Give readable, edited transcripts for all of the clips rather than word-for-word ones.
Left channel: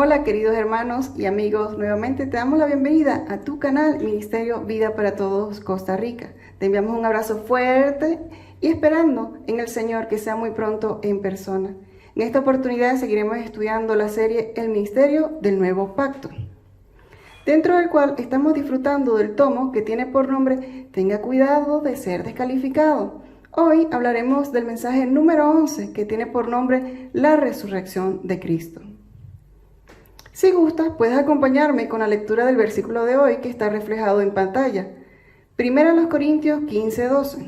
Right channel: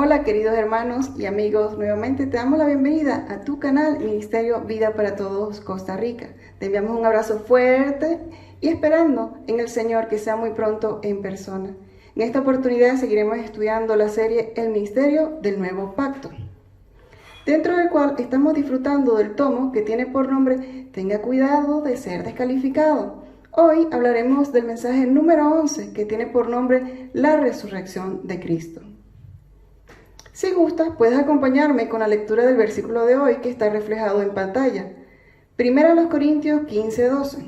Hola queridos hermanos y amigos, nuevamente te damos la bienvenida a tu canal Ministerio Vida para Todos Costa Rica. Te enviamos un abrazo fuerte y esperando en el Señor que sea muy pronto en persona. En esta oportunidad seguiremos estudiando la serie El Ministerio del Nuevo Pacto, dentro del cual estamos disfrutando del tomo que tiene por nombre Tenga cuidado de ser descalificado. Hoy hablaremos del mensaje número 11 que tiene por nombre La Resurrección de Cristo. Si gustas, puedes acompañarme con la lectura del versículo de hoy que está reflejado en pantalla. 1 Corintios 15:12.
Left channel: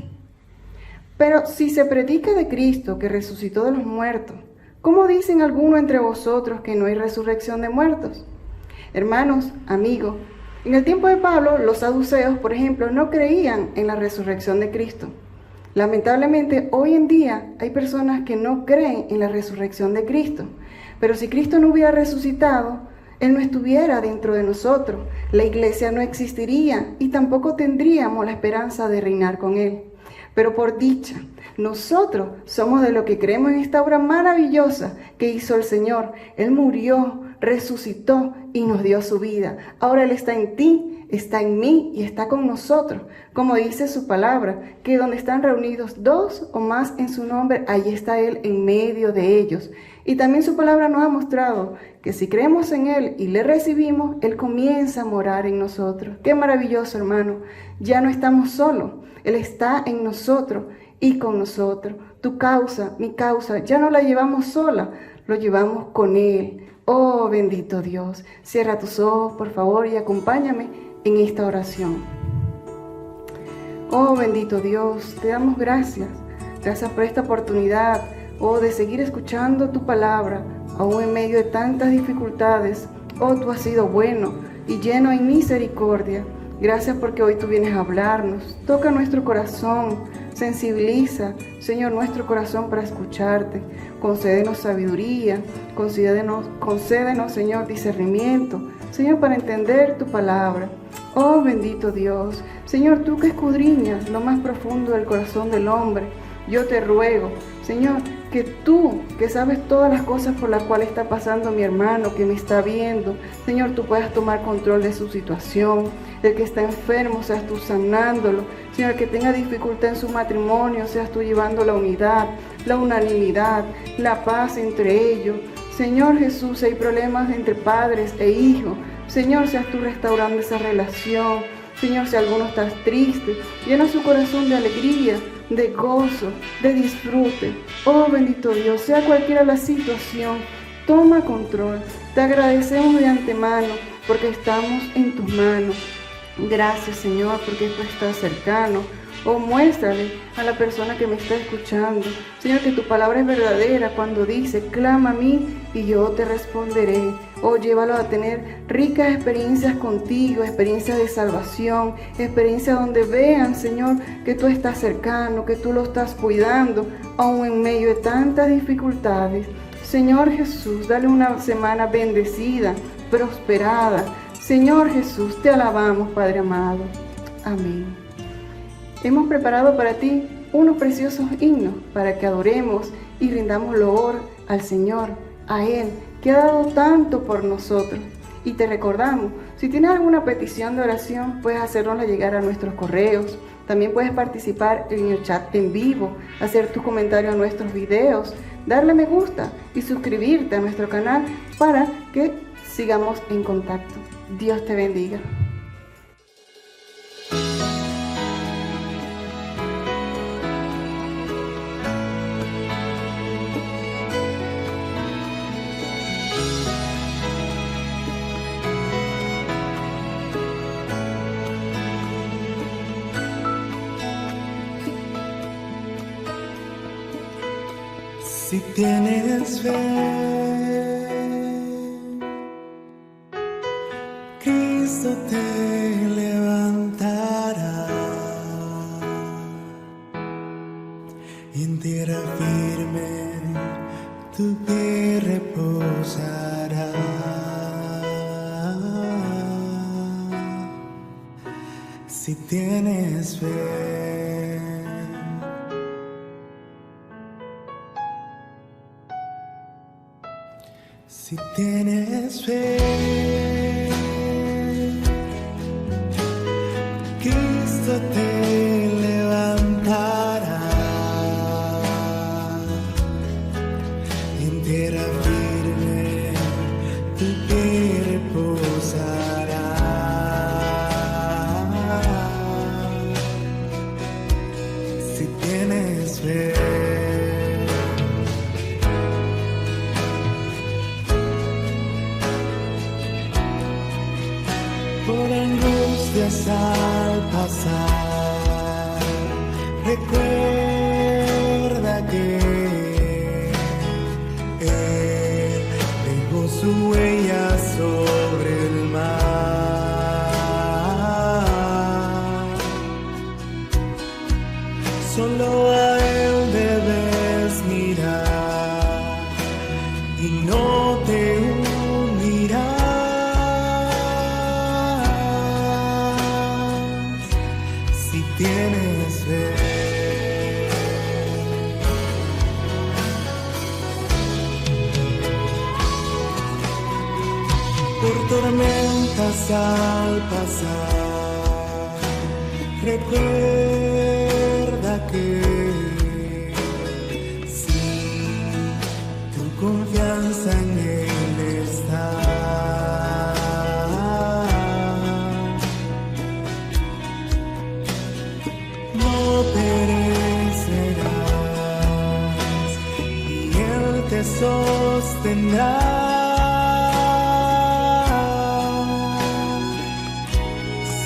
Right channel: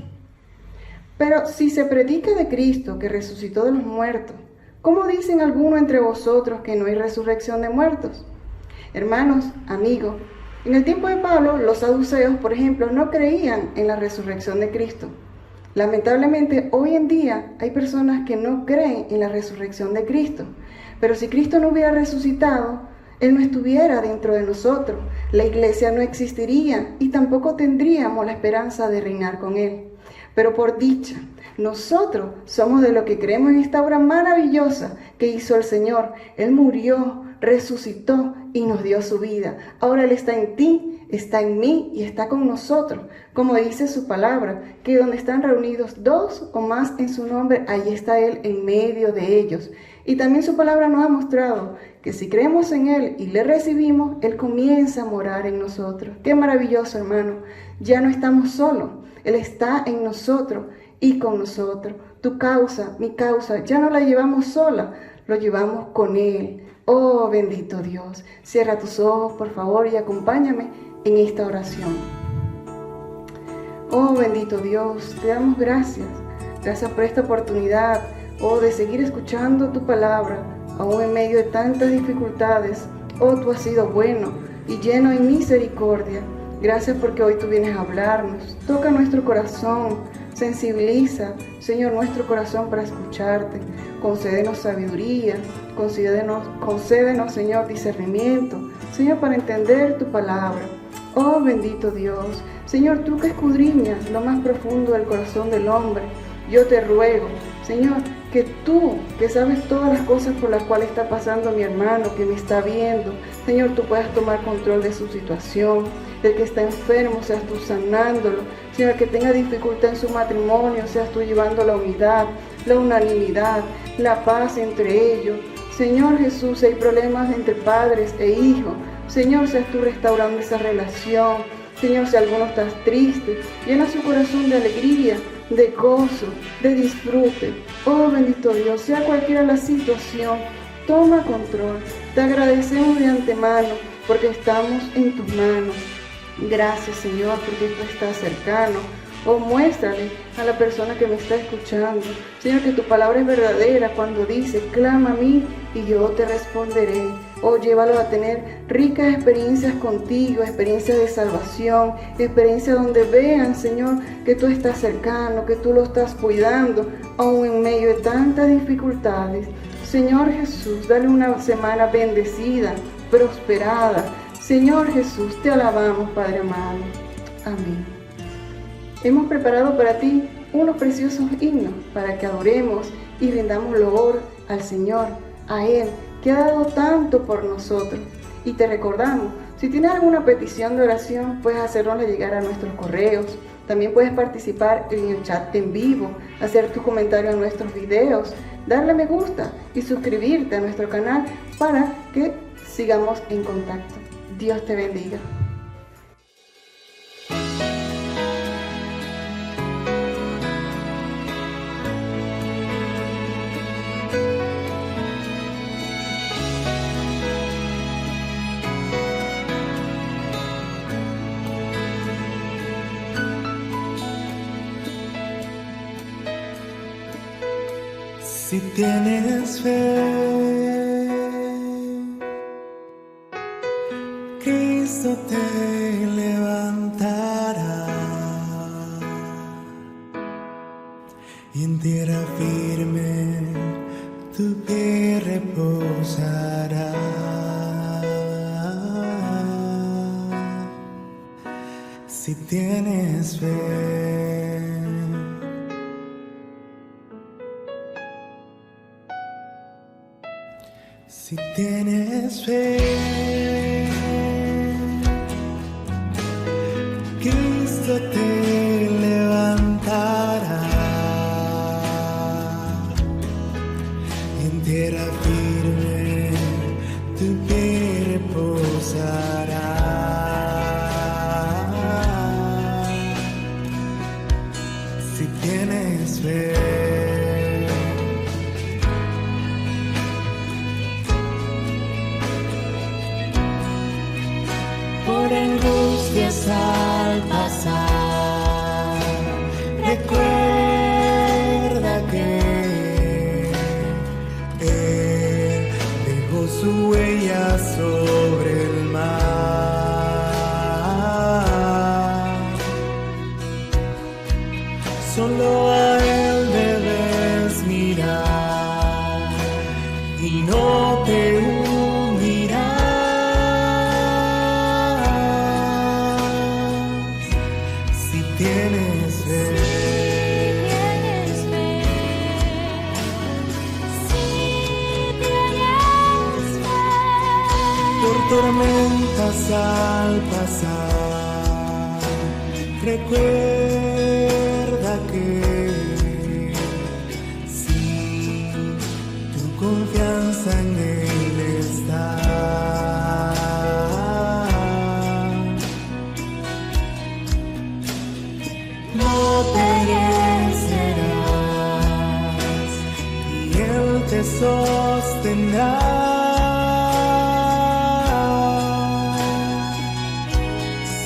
Pero si se predica de Cristo que resucitó de los muertos, ¿cómo dicen algunos entre vosotros que no hay resurrección de muertos? Hermanos, amigos, en el tiempo de Pablo, los saduceos, por ejemplo, no creían en la resurrección de Cristo. Lamentablemente, hoy en día hay personas que no creen en la resurrección de Cristo. Pero si Cristo no hubiera resucitado, Él no estuviera dentro de nosotros, la iglesia no existiría y tampoco tendríamos la esperanza de reinar con Él. Pero por dicha, nosotros somos de lo que creemos en esta obra maravillosa que hizo el Señor. Él murió, resucitó y nos dio su vida. Ahora Él está en ti, está en mí y está con nosotros. Como dice su palabra, que donde están reunidos dos o más en su nombre, allí está Él en medio de ellos. Y también su palabra nos ha mostrado que si creemos en Él y le recibimos, Él comienza a morar en nosotros. Qué maravilloso, hermano. Ya no estamos solos. Él está en nosotros y con nosotros. Tu causa, mi causa, ya no la llevamos sola, lo llevamos con Él. Oh, bendito Dios. Cierra tus ojos, por favor, y acompáñame en esta oración. Oh, bendito Dios, te damos gracias. Gracias por esta oportunidad, de seguir escuchando tu palabra, aún en medio de tantas dificultades. Oh, tú has sido bueno y lleno en misericordia. Gracias porque hoy tú vienes a hablarnos. Toca nuestro corazón, sensibiliza, Señor, nuestro corazón para escucharte. Concédenos sabiduría, concédenos, Señor, discernimiento, Señor, para entender tu palabra. Oh, bendito Dios, Señor, tú que escudriñas lo más profundo del corazón del hombre, yo te ruego, Señor, que tú, que sabes todas las cosas por las cuales está pasando mi hermano, que me está viendo, Señor, tú puedas tomar control de su situación. El que está enfermo, seas tú sanándolo. Señor, el que tenga dificultad en su matrimonio, seas tú llevando la unidad, la unanimidad, la paz entre ellos. Señor Jesús, si hay problemas entre padres e hijos, Señor, seas tú restaurando esa relación. Señor, si alguno está triste, llena su corazón de alegría, de gozo, de disfrute. Oh, bendito Dios, sea cualquiera la situación, toma control. Te agradecemos de antemano porque estamos en tus manos. Gracias, Señor, porque tú estás cercano. Oh, muéstrale a la persona que me está escuchando, Señor, que tu palabra es verdadera cuando dice, clama a mí y yo te responderé. Oh, llévalo a tener ricas experiencias contigo, experiencias de salvación, experiencias donde vean, Señor, que tú estás cercano, que tú lo estás cuidando, aún en medio de tantas dificultades. Señor Jesús, dale una semana bendecida, prosperada. Señor Jesús, te alabamos, Padre amado. Amén. Hemos preparado para ti unos preciosos himnos para que adoremos y rindamos loor al Señor, a Él, que ha dado tanto por nosotros. Y te recordamos, si tienes alguna petición de oración, puedes hacernosla llegar a nuestros correos. También puedes participar en el chat en vivo, hacer tu comentario en nuestros videos, darle me gusta y suscribirte a nuestro canal para que sigamos en contacto. Dios te bendiga. Si tienes fe, Cristo te levantará y en tierra firme tu pie reposará. Si tienes fe, Si tienes fe, Cristo te levantará. En tierra firme tu pie reposará. Si tienes fe. Por angustias al pasar, recuerda que Él dejó su huella sobre el mar. Solo a Él debes mirar y no te hundirás. Tienes fe. Por tormentas al pasar, recuerda que si tu confianza en Él está, no perecerás y Él te sostendrá.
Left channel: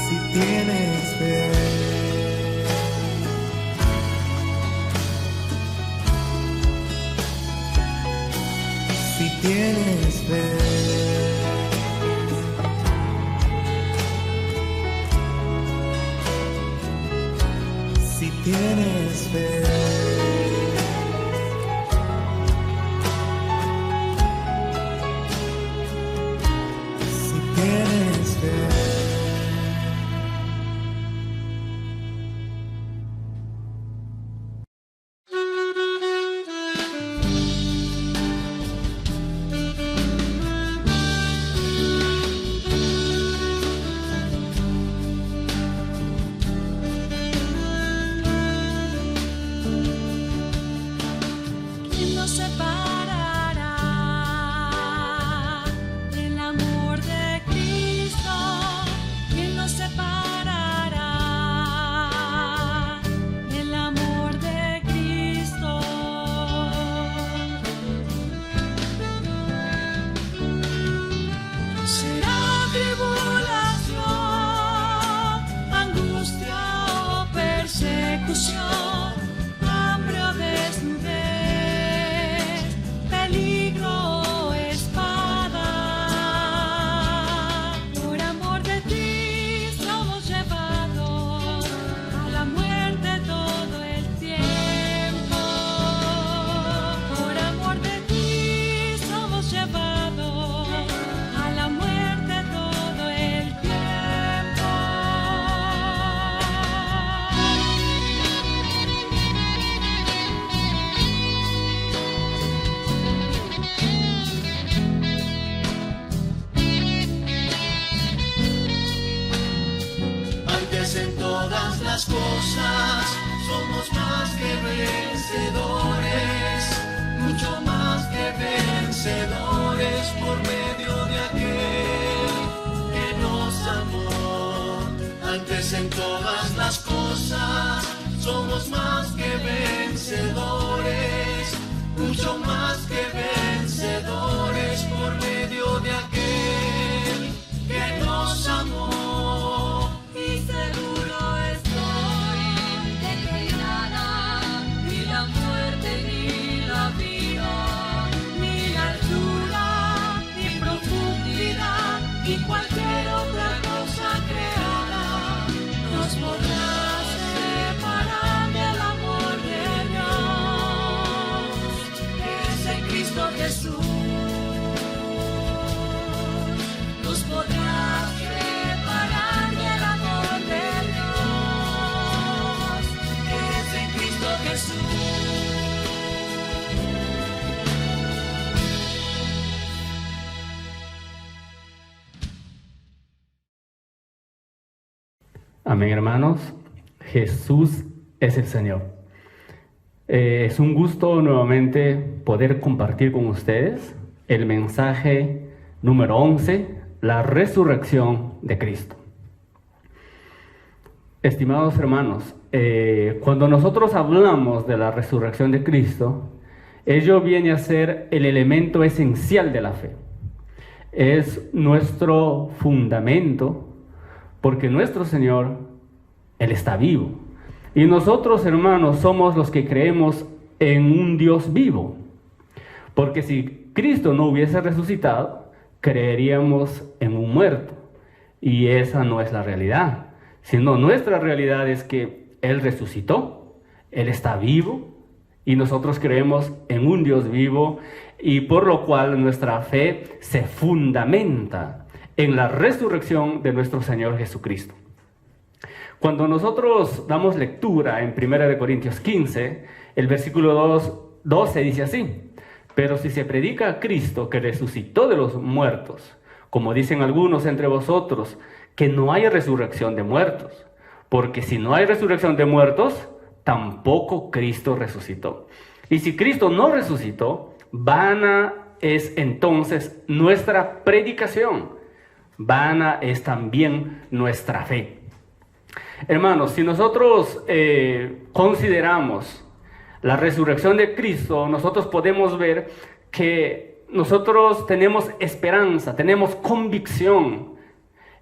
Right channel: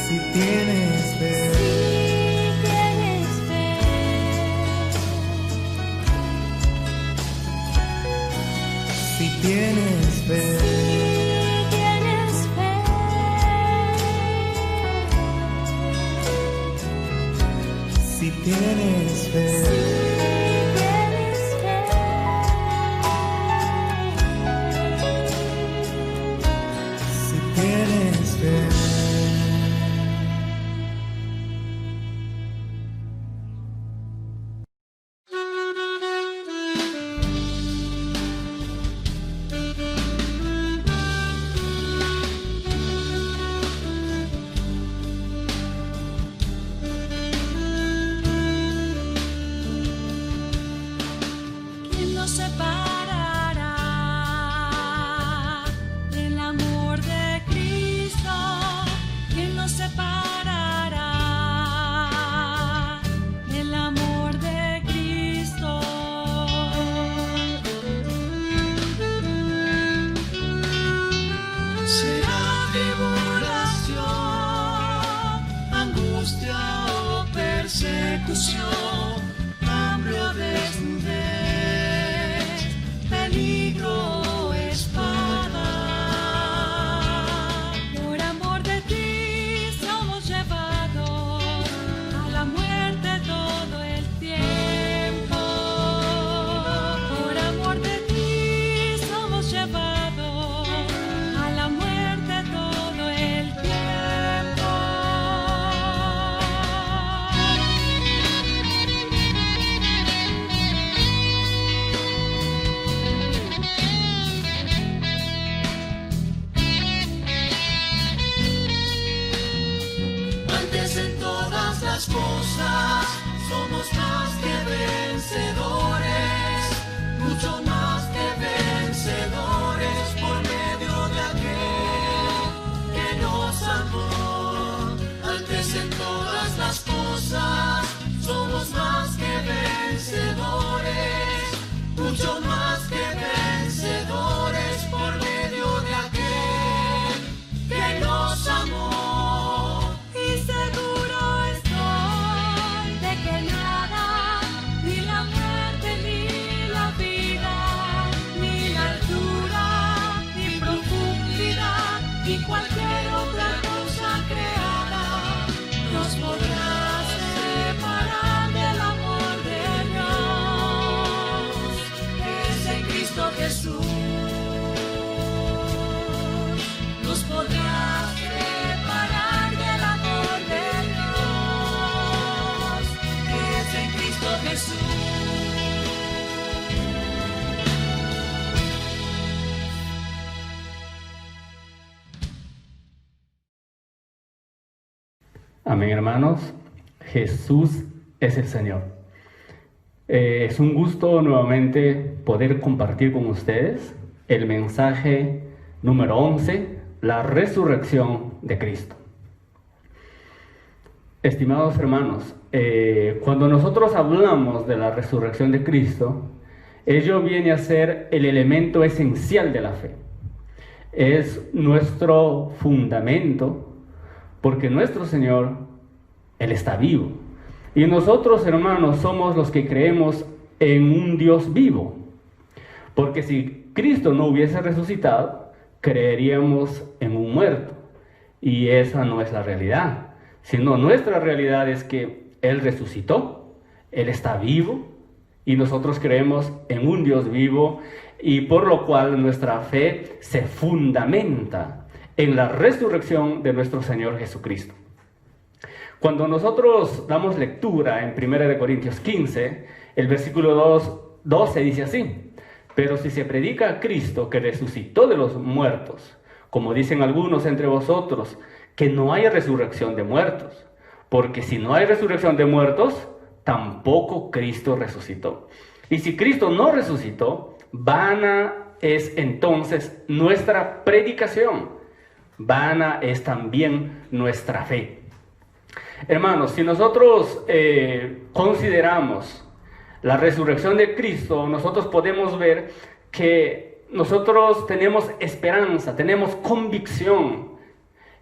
Si tienes fe, si tienes fe. Si tienes fe, si tienes fe. Amén, hermanos. Jesús es el Señor. Es un gusto nuevamente poder compartir con ustedes el mensaje número 11, la resurrección de Cristo. Estimados hermanos, cuando nosotros hablamos de la resurrección de Cristo, ello viene a ser el elemento esencial de la fe. Es nuestro fundamento, porque nuestro Señor, Él está vivo. Y nosotros, hermanos, somos los que creemos en un Dios vivo. Porque si Cristo no hubiese resucitado, creeríamos en un muerto. Y esa no es la realidad. Sino nuestra realidad es que Él resucitó, Él está vivo, y nosotros creemos en un Dios vivo, y por lo cual nuestra fe se fundamenta en la resurrección de nuestro Señor Jesucristo. Cuando nosotros damos lectura en 1 Corintios 15, el versículo 12 dice así: pero si se predica a Cristo que resucitó de los muertos, como dicen algunos entre vosotros, que no hay resurrección de muertos, porque si no hay resurrección de muertos, tampoco Cristo resucitó. Y si Cristo no resucitó, vana es entonces nuestra predicación, vana es también nuestra fe. Hermanos, si nosotros consideramos la resurrección de Cristo, nosotros podemos ver que nosotros tenemos esperanza, tenemos convicción,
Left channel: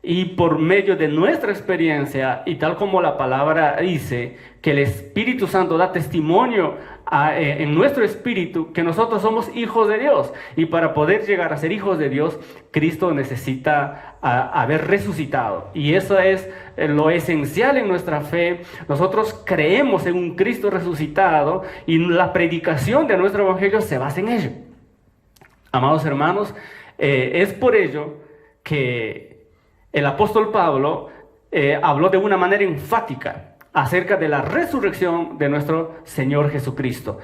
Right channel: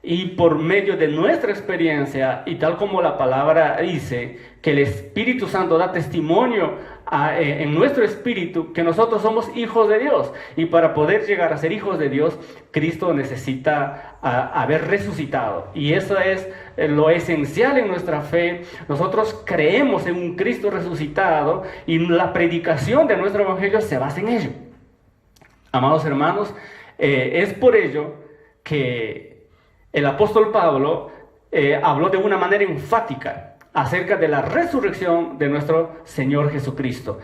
y por medio de nuestra experiencia, y tal como la palabra dice, que el Espíritu Santo da testimonio en nuestro espíritu que nosotros somos hijos de Dios. Y para poder llegar a ser hijos de Dios, Cristo necesita haber resucitado. Y eso es lo esencial en nuestra fe. Nosotros creemos en un Cristo resucitado y la predicación de nuestro evangelio se basa en ello. Amados hermanos, es por ello que el apóstol Pablo habló de una manera enfática acerca de la resurrección de nuestro Señor Jesucristo.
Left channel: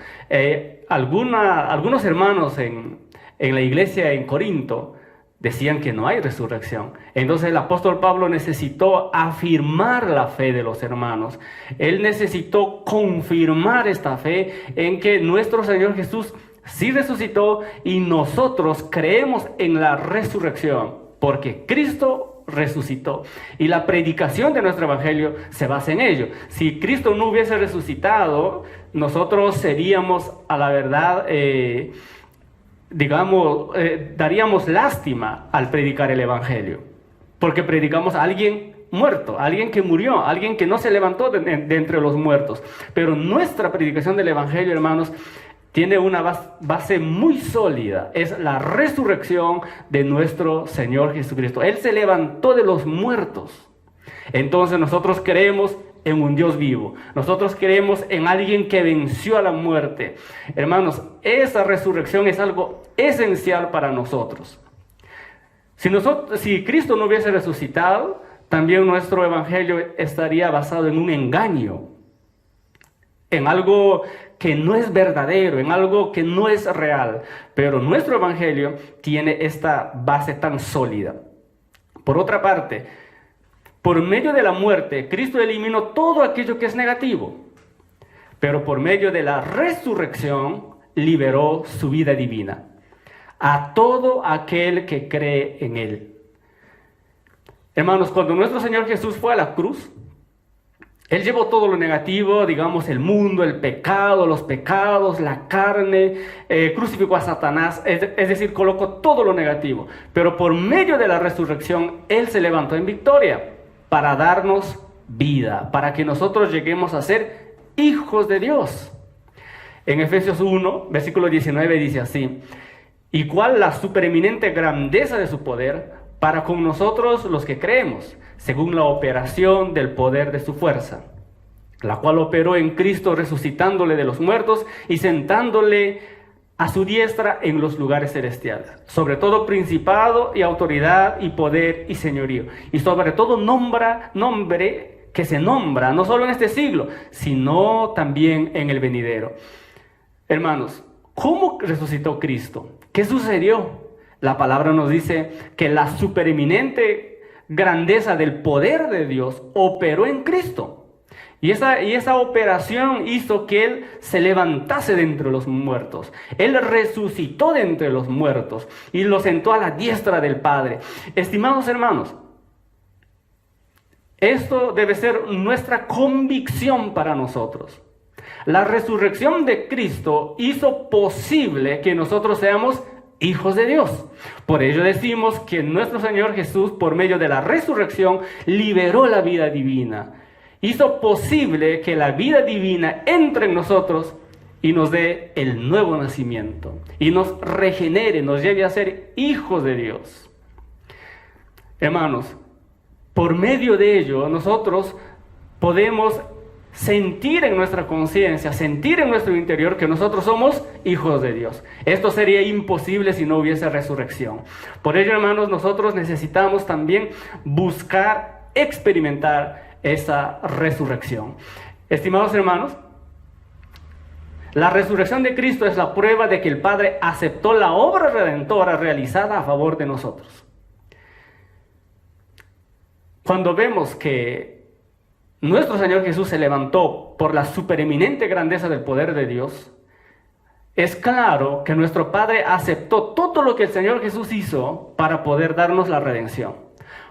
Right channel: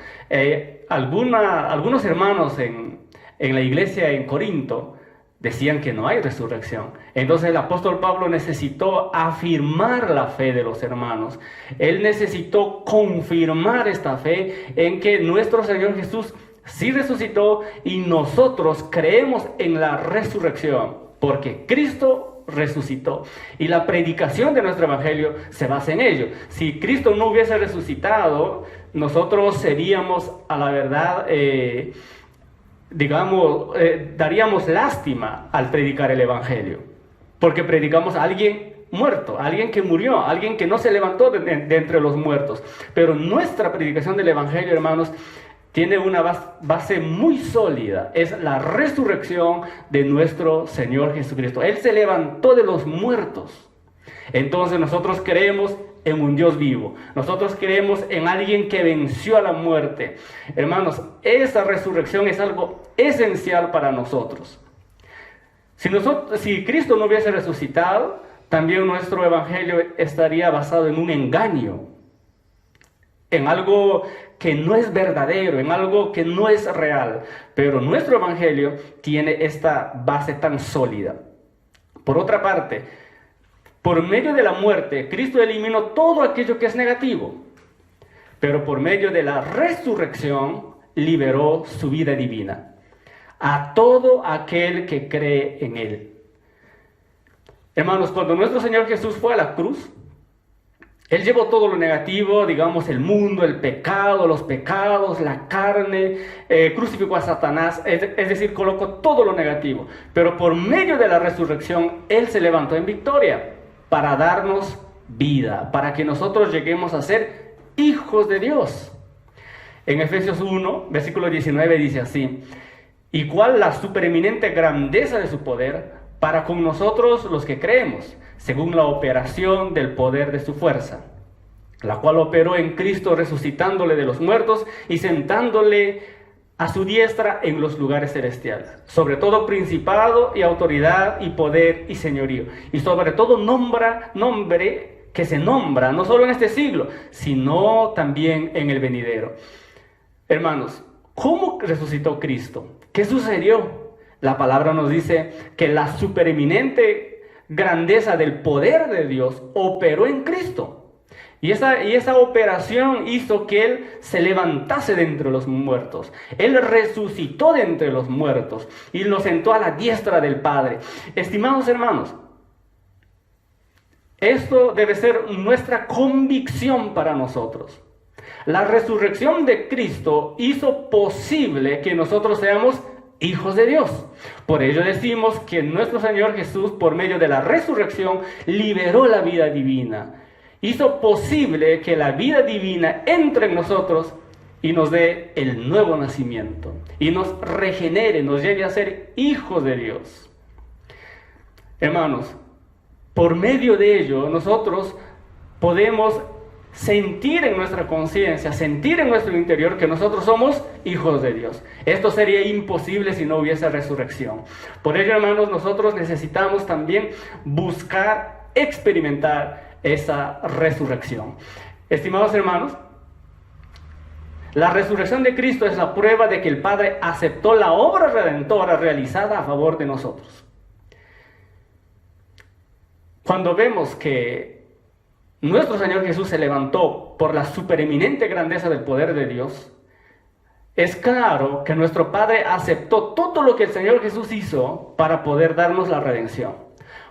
Algunos hermanos en la iglesia en Corinto decían que no hay resurrección. Entonces el apóstol Pablo necesitó afirmar la fe de los hermanos. Él necesitó confirmar esta fe en que nuestro Señor Jesús sí resucitó, y nosotros creemos en la resurrección, porque Cristo resucitó, y la predicación de nuestro evangelio se basa en ello. Si Cristo no hubiese resucitado, nosotros seríamos, a la verdad, daríamos lástima al predicar el evangelio, porque predicamos a alguien muerto, a alguien que murió, a alguien que no se levantó de entre los muertos. Pero nuestra predicación del evangelio, hermanos, tiene una base muy sólida. Es la resurrección de nuestro Señor Jesucristo. Él se levantó de los muertos. Entonces nosotros creemos en un Dios vivo. Nosotros creemos en alguien que venció a la muerte. Hermanos, esa resurrección es algo esencial para nosotros. Si Cristo no hubiese resucitado, también nuestro evangelio estaría basado en un engaño, en algo que no es verdadero, en algo que no es real. Pero nuestro evangelio tiene esta base tan sólida. Por otra parte, por medio de la muerte, Cristo eliminó todo aquello que es negativo, pero por medio de la resurrección liberó su vida divina a todo aquel que cree en Él. Hermanos, cuando nuestro Señor Jesús fue a la cruz, Él llevó todo lo negativo, digamos, el mundo, el pecado, los pecados, la carne, crucificó a Satanás, es decir, colocó todo lo negativo. Pero por medio de la resurrección, Él se levantó en victoria para darnos vida, para que nosotros lleguemos a ser hijos de Dios. En Efesios 1, versículo 19 dice así: ¿y cuál la supereminente grandeza de su poder para con nosotros los que creemos, según la operación del poder de su fuerza, la cual operó en Cristo resucitándole de los muertos y sentándole a su diestra en los lugares celestiales, sobre todo principado y autoridad y poder y señorío, y sobre todo nombre que se nombra no solo en este siglo, sino también en el venidero. Hermanos, ¿cómo resucitó Cristo? ¿Qué sucedió? La palabra nos dice que la supereminente grandeza del poder de Dios operó en Cristo. Y esa operación hizo que Él se levantase de entre los muertos. Él resucitó de entre los muertos y lo sentó a la diestra del Padre. Estimados hermanos, esto debe ser nuestra convicción para nosotros. La resurrección de Cristo hizo posible que nosotros seamos hijos de Dios. Por ello decimos que nuestro Señor Jesús, por medio de la resurrección, liberó la vida divina. Hizo posible que la vida divina entre en nosotros y nos dé el nuevo nacimiento. Y nos regenere, nos lleve a ser hijos de Dios. Hermanos, por medio de ello nosotros podemos sentir en nuestra conciencia, sentir en nuestro interior que nosotros somos hijos de Dios. Esto sería imposible si no hubiese resurrección. Por ello, hermanos, nosotros necesitamos también buscar, experimentar esa resurrección. Estimados hermanos, la resurrección de Cristo es la prueba de que el Padre aceptó la obra redentora realizada a favor de nosotros. Cuando vemos que nuestro Señor Jesús se levantó por la supereminente grandeza del poder de Dios, es claro que nuestro Padre aceptó todo lo que el Señor Jesús hizo para poder darnos la redención.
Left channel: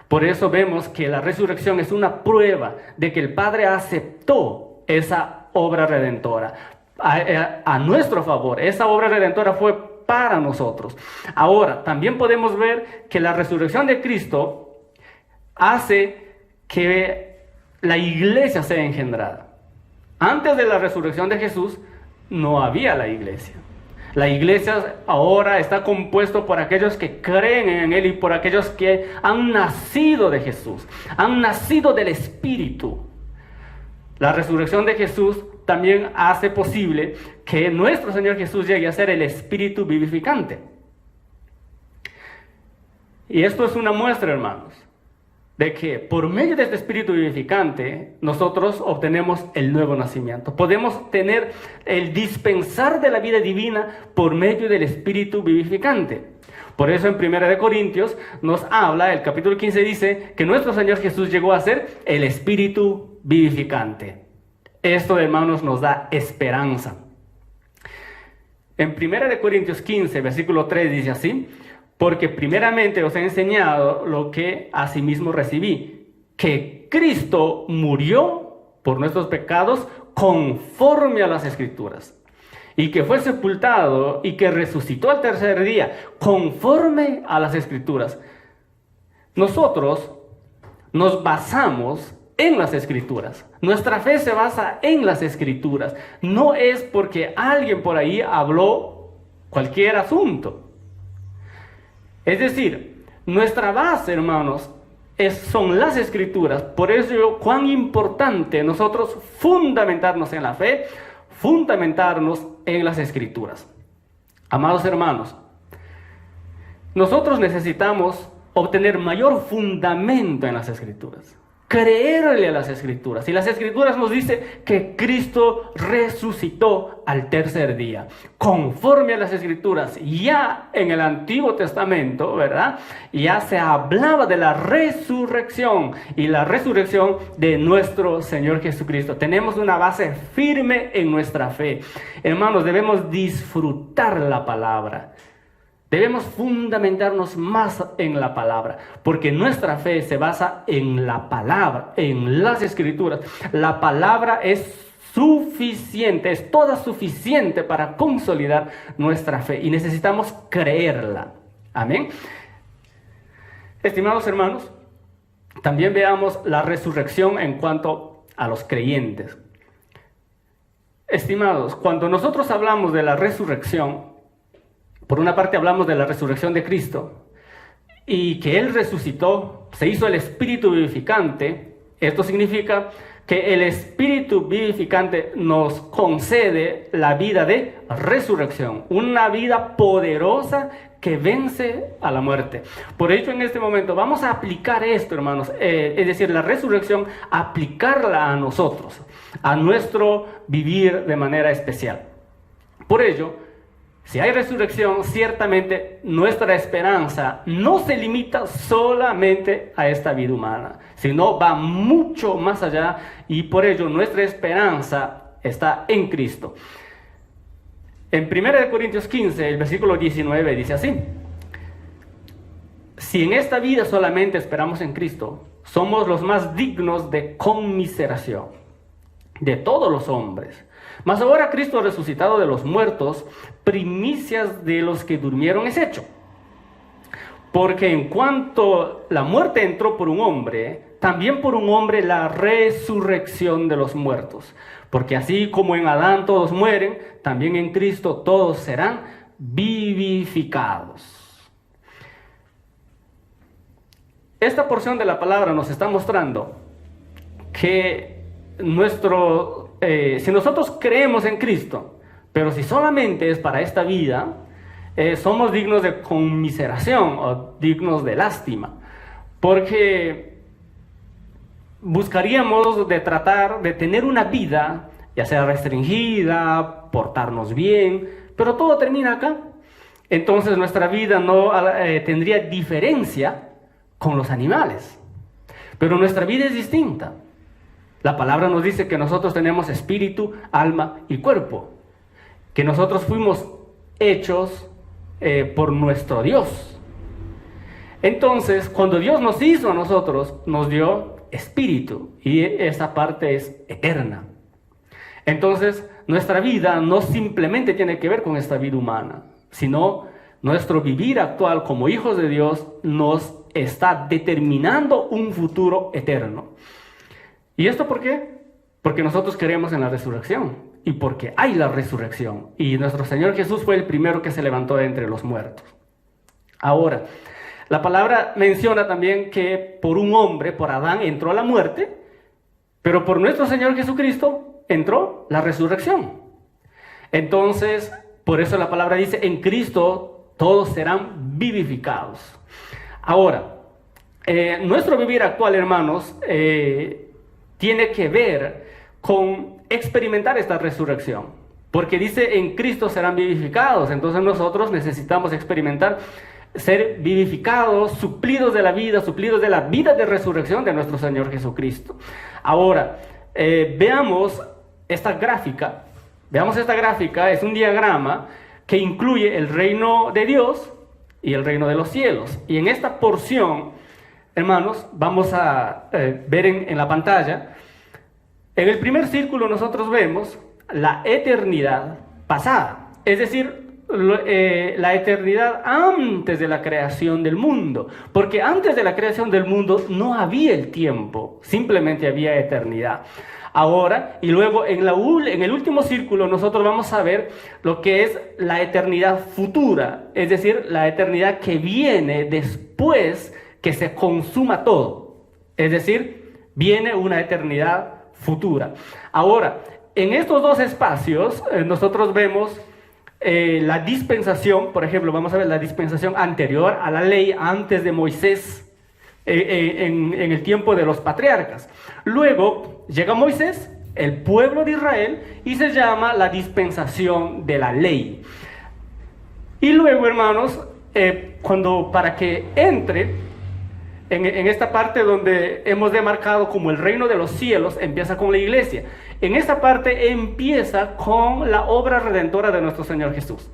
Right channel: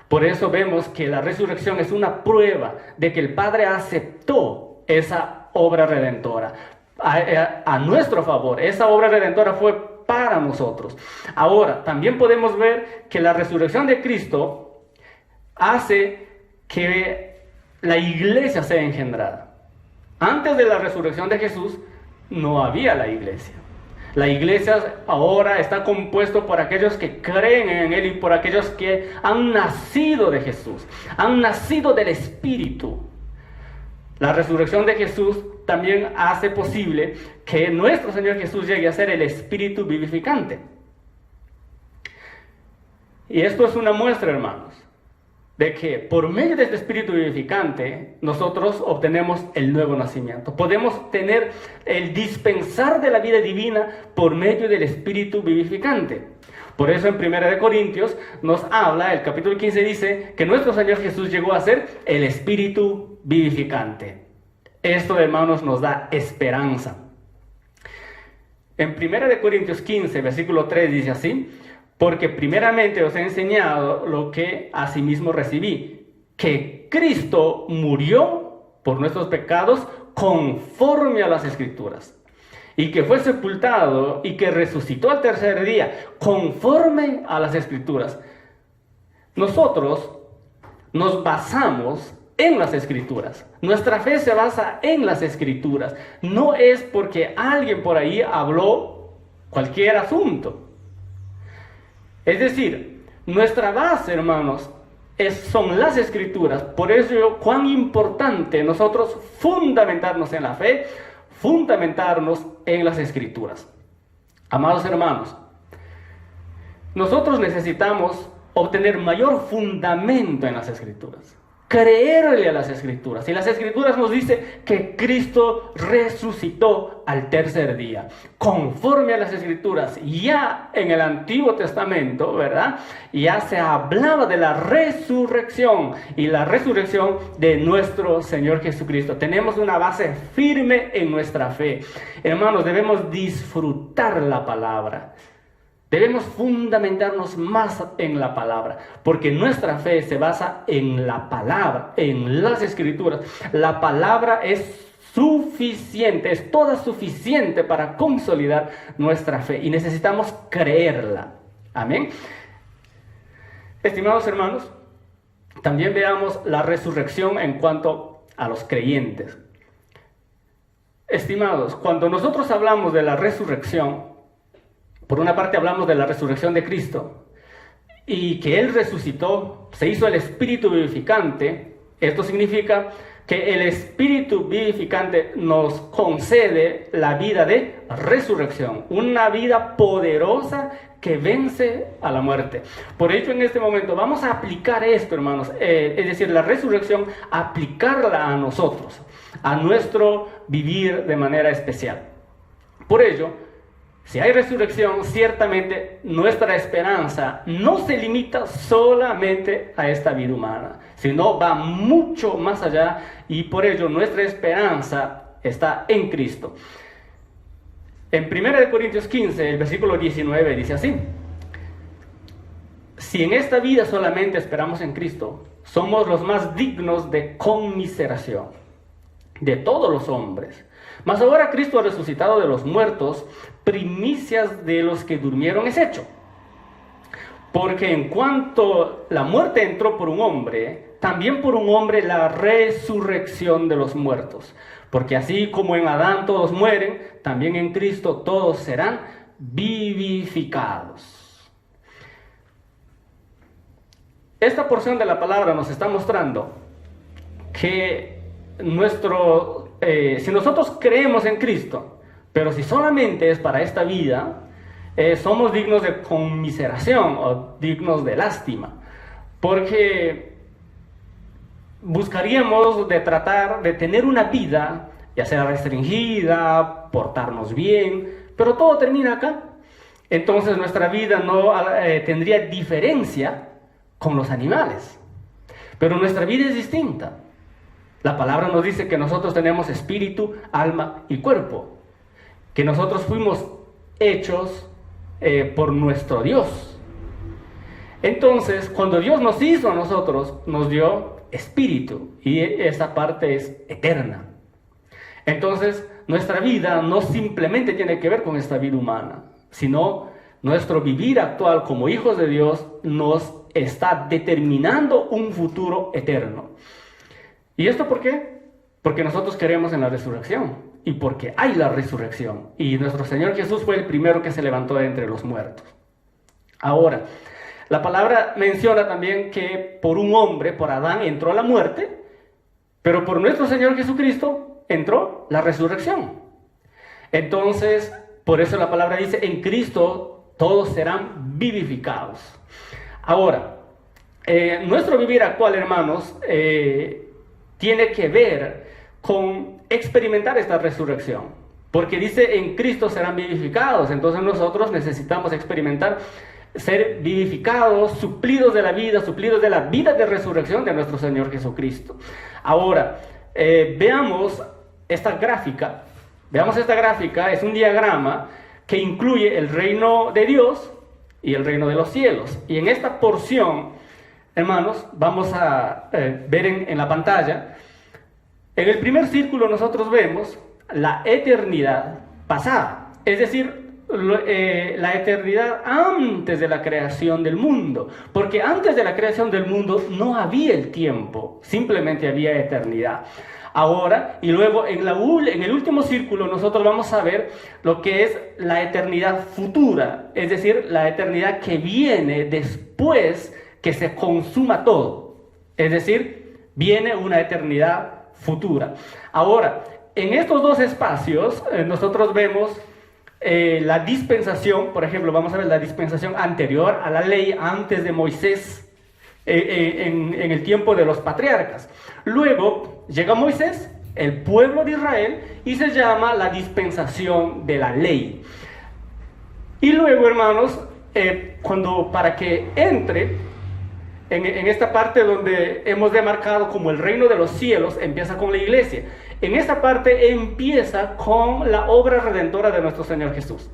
Por eso vemos que la resurrección es una prueba de que el Padre aceptó esa obra redentora a nuestro favor. Esa obra redentora fue para nosotros. Ahora, también podemos ver que la resurrección de Cristo hace que la iglesia sea engendrada. Antes de la resurrección de Jesús no había la iglesia. La iglesia ahora está compuesto por aquellos que creen en Él y por aquellos que han nacido de Jesús, han nacido del Espíritu. La resurrección de Jesús también hace posible que nuestro Señor Jesús llegue a ser el Espíritu vivificante. Y esto es una muestra, hermanos, de que por medio de este Espíritu vivificante nosotros obtenemos el nuevo nacimiento. Podemos tener el dispensar de la vida divina por medio del Espíritu vivificante. Por eso en 1 Corintios nos habla, el capítulo 15 dice que nuestro Señor Jesús llegó a ser el Espíritu vivificante. Esto, hermanos, nos da esperanza. En 1 Corintios 15, versículo 3 dice así: porque primeramente os he enseñado lo que asimismo recibí, que Cristo murió por nuestros pecados conforme a las Escrituras, y que fue sepultado y que resucitó al tercer día conforme a las Escrituras. Nosotros nos basamos en las Escrituras. Nuestra fe se basa en las Escrituras. No es porque alguien por ahí habló cualquier asunto. Es decir, nuestra base, hermanos, son las Escrituras. Por eso, cuán importante nosotros fundamentarnos en la fe, fundamentarnos en las Escrituras. Amados hermanos, nosotros necesitamos obtener mayor fundamento en las Escrituras. Creerle a las Escrituras. Y las Escrituras nos dice que Cristo resucitó al tercer día. Conforme a las Escrituras, ya en el Antiguo Testamento, ¿verdad? Ya se hablaba de la resurrección y la resurrección de nuestro Señor Jesucristo. Tenemos una base firme en nuestra fe. Hermanos, debemos disfrutar la palabra. Debemos fundamentarnos más en la palabra, porque nuestra fe se basa en la palabra, en las Escrituras. La palabra es suficiente, es toda suficiente para consolidar nuestra fe y necesitamos creerla. Amén. Estimados hermanos, también veamos la resurrección en cuanto a los creyentes. Estimados, cuando nosotros hablamos de la resurrección, por una parte hablamos de la resurrección de Cristo y que Él resucitó, se hizo el Espíritu vivificante. Esto significa que el Espíritu vivificante nos concede la vida de resurrección, una vida poderosa que vence a la muerte. Por ello, en este momento vamos a aplicar esto, hermanos, es decir, la resurrección, aplicarla a nosotros, a nuestro vivir de manera especial. Por ello, Si hay resurrección, ciertamente nuestra esperanza no se limita solamente a esta vida humana, sino va mucho más allá, y por ello nuestra esperanza está en Cristo. En 1 Corintios 15, el versículo 19 dice así: si en esta vida solamente esperamos en Cristo, somos los más dignos de conmiseración de todos los hombres. Mas ahora Cristo ha resucitado de los muertos, primicias de los que durmieron es hecho. Porque en cuanto la muerte entró por un hombre, también por un hombre la resurrección de los muertos. Porque así como en Adán todos mueren, también en Cristo todos serán vivificados. Esta porción de la palabra nos está mostrando que si nosotros creemos en Cristo, pero si solamente es para esta vida, somos dignos de conmiseración o dignos de lástima, porque buscaríamos de tratar de tener una vida, ya sea restringida, portarnos bien, pero todo termina acá. Entonces nuestra vida no tendría diferencia con los animales, pero nuestra vida es distinta. La palabra nos dice que nosotros tenemos espíritu, alma y cuerpo, que nosotros fuimos hechos por nuestro Dios. Entonces, cuando Dios nos hizo a nosotros, nos dio espíritu, y esa parte es eterna. Entonces, nuestra vida no simplemente tiene que ver con esta vida humana, sino nuestro vivir actual como hijos de Dios nos está determinando un futuro eterno. ¿Y esto por qué? Porque nosotros creemos en la resurrección, y porque hay la resurrección, y nuestro Señor Jesús fue el primero que se levantó de entre los muertos. Ahora, la palabra menciona también que por un hombre, por Adán, entró la muerte, pero por nuestro Señor Jesucristo entró la resurrección. Entonces, por eso la palabra dice, en Cristo todos serán vivificados. Ahora, nuestro vivir actual, hermanos, tiene que ver con experimentar esta resurrección, porque dice en Cristo serán vivificados. Entonces nosotros necesitamos experimentar ser vivificados, suplidos de la vida de resurrección de nuestro Señor Jesucristo. Ahora, veamos esta gráfica. Es un diagrama que incluye el reino de Dios y el reino de los cielos. Y en esta porción, hermanos, vamos a ver en la pantalla. En el primer círculo nosotros vemos la eternidad pasada, es decir, la eternidad antes de la creación del mundo, porque antes de la creación del mundo no había el tiempo, simplemente había eternidad. Ahora, y luego en el último círculo nosotros vamos a ver lo que es la eternidad futura, es decir, la eternidad que viene después que se consuma todo, es decir, viene una eternidad futura. Ahora, en estos dos espacios nosotros vemos la dispensación. Por ejemplo, vamos a ver la dispensación anterior a la ley, antes de Moisés, en el tiempo de los patriarcas. Luego llega Moisés, el pueblo de Israel, y se llama la dispensación de la ley. Y luego, hermanos, para que entre en esta parte donde hemos demarcado como el reino de los cielos, empieza con la iglesia. En esta parte empieza con la obra redentora de nuestro Señor Jesús,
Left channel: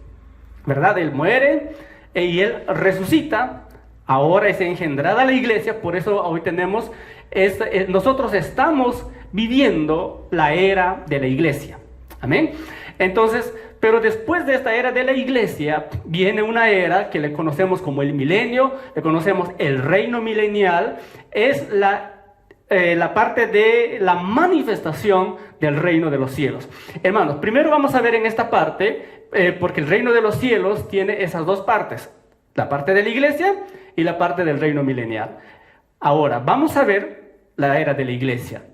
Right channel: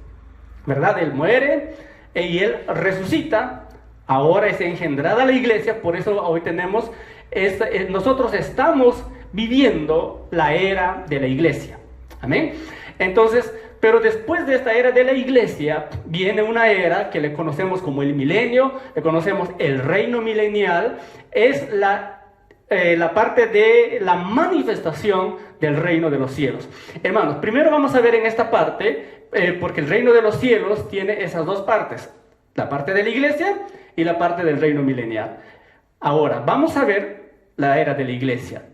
¿verdad? Él muere y Él resucita. Ahora es engendrada la iglesia. Por eso hoy tenemos, nosotros estamos viviendo la era de la iglesia. Amén. Entonces, pero después de esta era de la iglesia, viene una era que le conocemos como el milenio, le conocemos el reino milenial. Es la parte de la manifestación del reino de los cielos. Hermanos, primero vamos a ver en esta parte, porque el reino de los cielos tiene esas dos partes, la parte de la iglesia y la parte del reino milenial. Ahora, vamos a ver la era de la iglesia.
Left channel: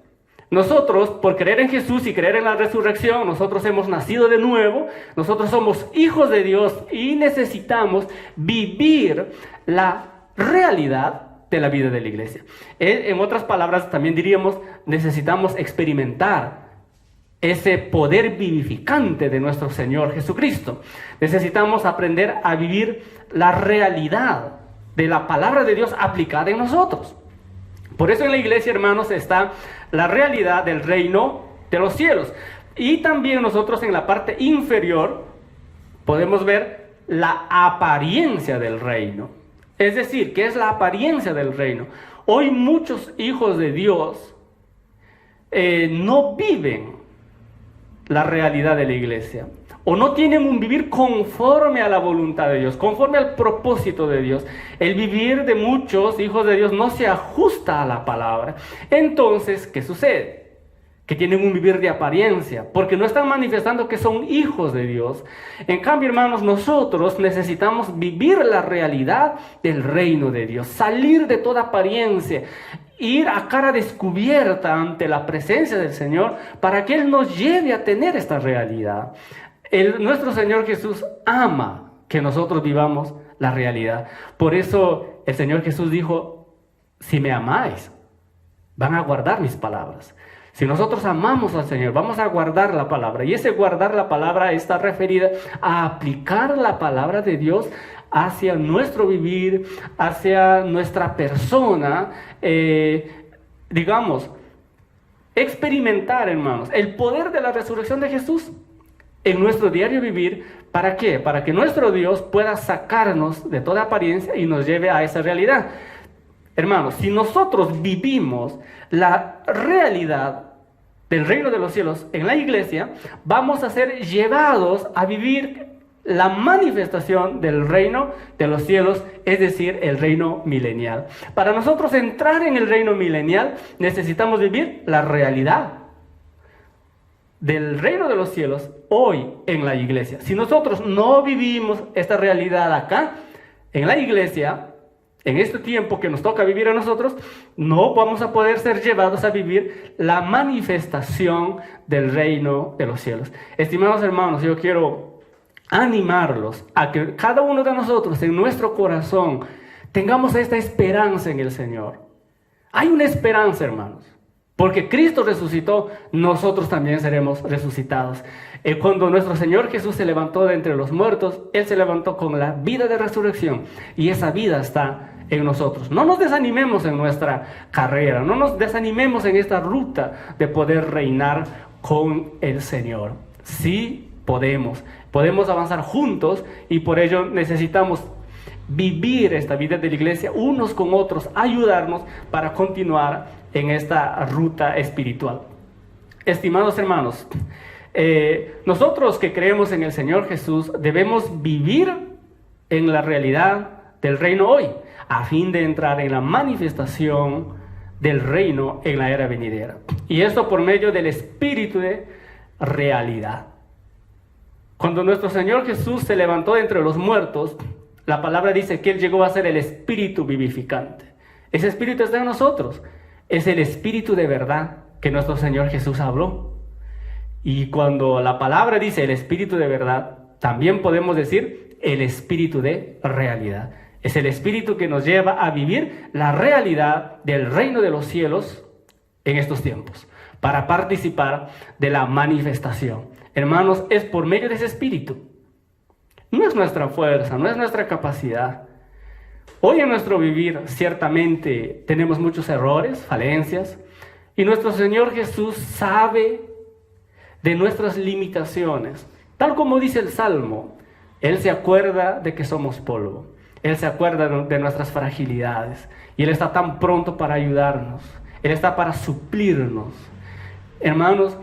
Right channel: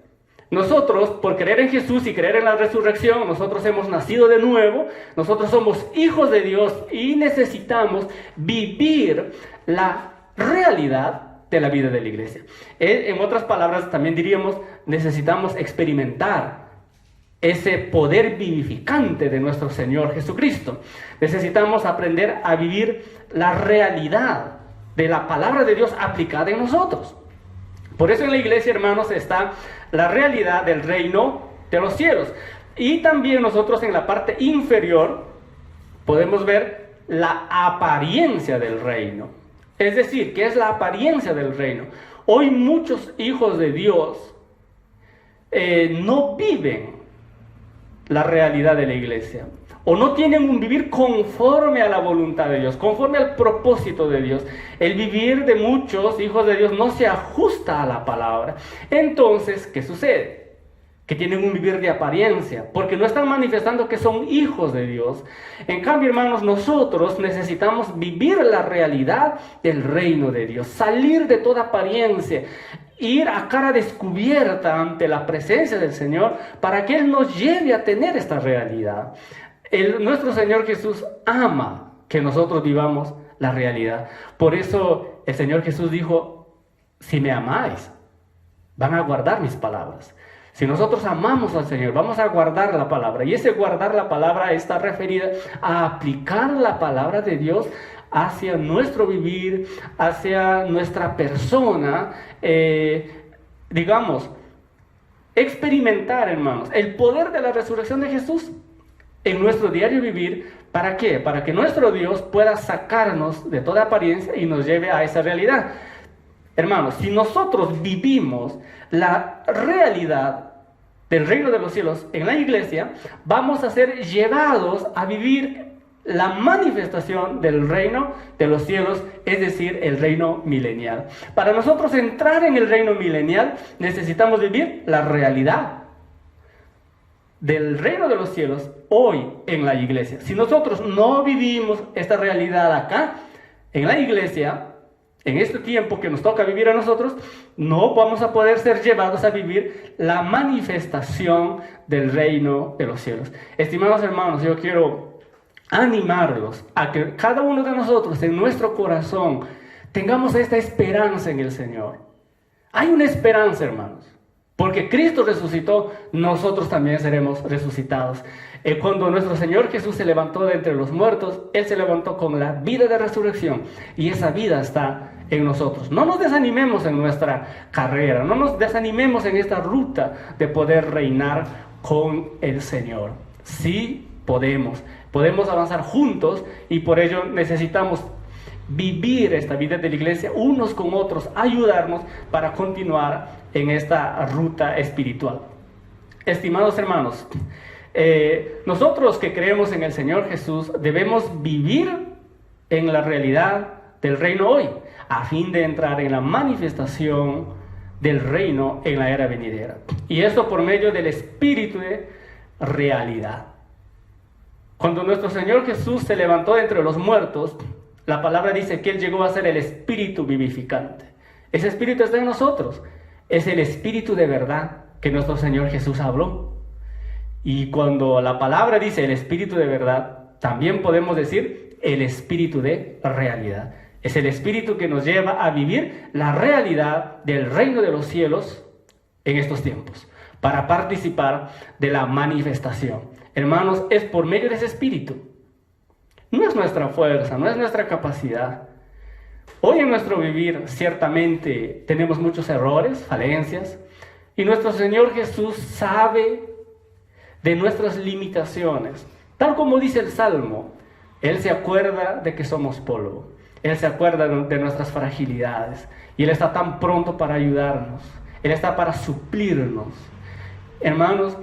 Nosotros, por creer en Jesús y creer en la resurrección, nosotros hemos nacido de nuevo, nosotros somos hijos de Dios y necesitamos vivir la realidad de la vida de la iglesia. En otras palabras, también diríamos, necesitamos experimentar ese poder vivificante de nuestro Señor Jesucristo. Necesitamos aprender a vivir la realidad de la palabra de Dios aplicada en nosotros. Por eso en la iglesia, hermanos, está la realidad del reino de los cielos. Y también nosotros en la parte inferior podemos ver la apariencia del reino. Es decir, ¿qué es la apariencia del reino? Hoy muchos hijos de Dios no viven la realidad de la iglesia, o no tienen un vivir conforme a la voluntad de Dios, conforme al propósito de Dios. El vivir de muchos hijos de Dios no se ajusta a la palabra. Entonces, ¿qué sucede? Que tienen un vivir de apariencia, porque no están manifestando que son hijos de Dios. En cambio, hermanos, nosotros necesitamos vivir la realidad del reino de Dios, salir de toda apariencia, ir a cara descubierta ante la presencia del Señor, para que Él nos lleve a tener esta realidad. Nuestro Señor Jesús ama que nosotros vivamos la realidad. Por eso el Señor Jesús dijo: si me amáis, van a guardar mis palabras. Si nosotros amamos al Señor, vamos a guardar la palabra. Y ese guardar la palabra está referida a aplicar la palabra de Dios hacia nuestro vivir, hacia nuestra persona. Experimentar, hermanos, el poder de la resurrección de Jesús en nuestro diario vivir. ¿Para qué? Para que nuestro Dios pueda sacarnos de toda apariencia y nos lleve a esa realidad. Hermanos, si nosotros vivimos la realidad del reino de los cielos en la iglesia, vamos a ser llevados a vivir la manifestación del reino de los cielos, es decir, el reino milenial. Para nosotros entrar en el reino milenial, necesitamos vivir la realidad del reino de los cielos hoy en la iglesia. Si nosotros no vivimos esta realidad acá, en la iglesia, en este tiempo que nos toca vivir a nosotros, no vamos a poder ser llevados a vivir la manifestación del reino de los cielos. Estimados hermanos, yo quiero animarlos a que cada uno de nosotros en nuestro corazón tengamos esta esperanza en el Señor. Hay una esperanza, hermanos, porque Cristo resucitó, nosotros también seremos resucitados. Cuando nuestro Señor Jesús se levantó de entre los muertos, Él se levantó con la vida de resurrección, y esa vida está en nosotros. No nos desanimemos en nuestra carrera, no nos desanimemos en esta ruta de poder reinar con el Señor. Sí podemos avanzar juntos, y por ello necesitamos vivir esta vida de la iglesia unos con otros, ayudarnos para continuar en esta ruta espiritual. Estimados hermanos, nosotros que creemos en el Señor Jesús debemos vivir en la realidad del reino hoy, a fin de entrar en la manifestación del reino en la era venidera. Y esto por medio del espíritu de realidad. Cuando nuestro Señor Jesús se levantó de entre los muertos, la palabra dice que Él llegó a ser el espíritu vivificante. Ese espíritu está en nosotros. Es el espíritu de verdad que nuestro Señor Jesús habló. Y cuando la palabra dice el espíritu de verdad, también podemos decir el espíritu de realidad. Es el espíritu que nos lleva a vivir la realidad del reino de los cielos en estos tiempos, para participar de la manifestación. Hermanos, es por medio de ese espíritu. No es nuestra fuerza, no es nuestra capacidad. Hoy en nuestro vivir ciertamente tenemos muchos errores, falencias, y nuestro Señor Jesús sabe de nuestras limitaciones. Tal como dice el Salmo, Él se acuerda de que somos polvo. Él se acuerda de nuestras fragilidades, y Él está tan pronto para ayudarnos. Él está para suplirnos. Hermanos,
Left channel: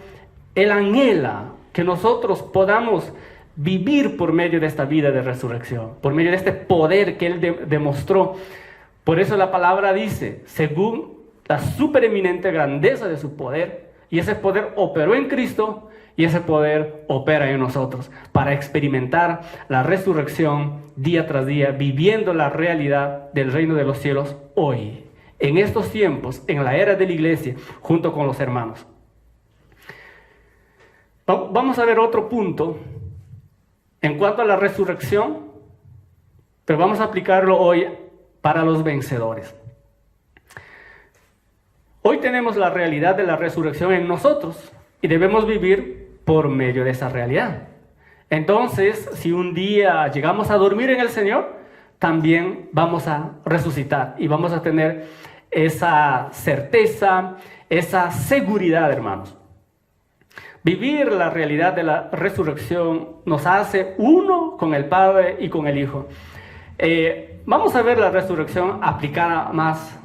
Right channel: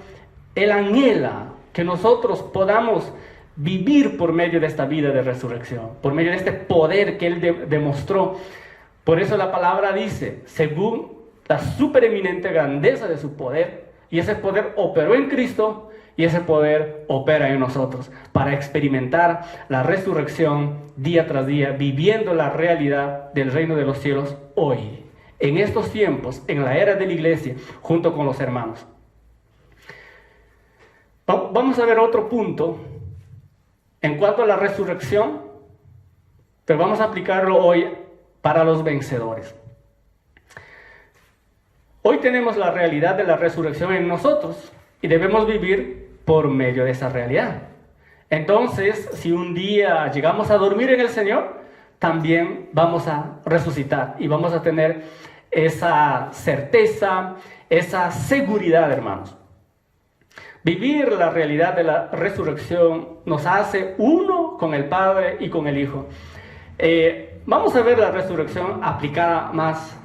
Él anhela que nosotros podamos vivir por medio de esta vida de resurrección, por medio de este poder que Él demostró. Por eso la palabra dice, según la supereminente grandeza de su poder, y ese poder operó en Cristo, y ese poder opera en nosotros, para experimentar la resurrección día tras día, viviendo la realidad del reino de los cielos hoy, en estos tiempos, en la era de la iglesia, junto con los hermanos. Vamos a ver otro punto en cuanto a la resurrección, pero vamos a aplicarlo hoy para los vencedores. Hoy tenemos la realidad de la resurrección en nosotros, y debemos vivir por medio de esa realidad. Entonces, si un día llegamos a dormir en el Señor, también vamos a resucitar y vamos a tener esa certeza, esa seguridad, hermanos. Vivir la realidad de la resurrección nos hace uno con el Padre y con el Hijo. Vamos a ver la resurrección aplicada más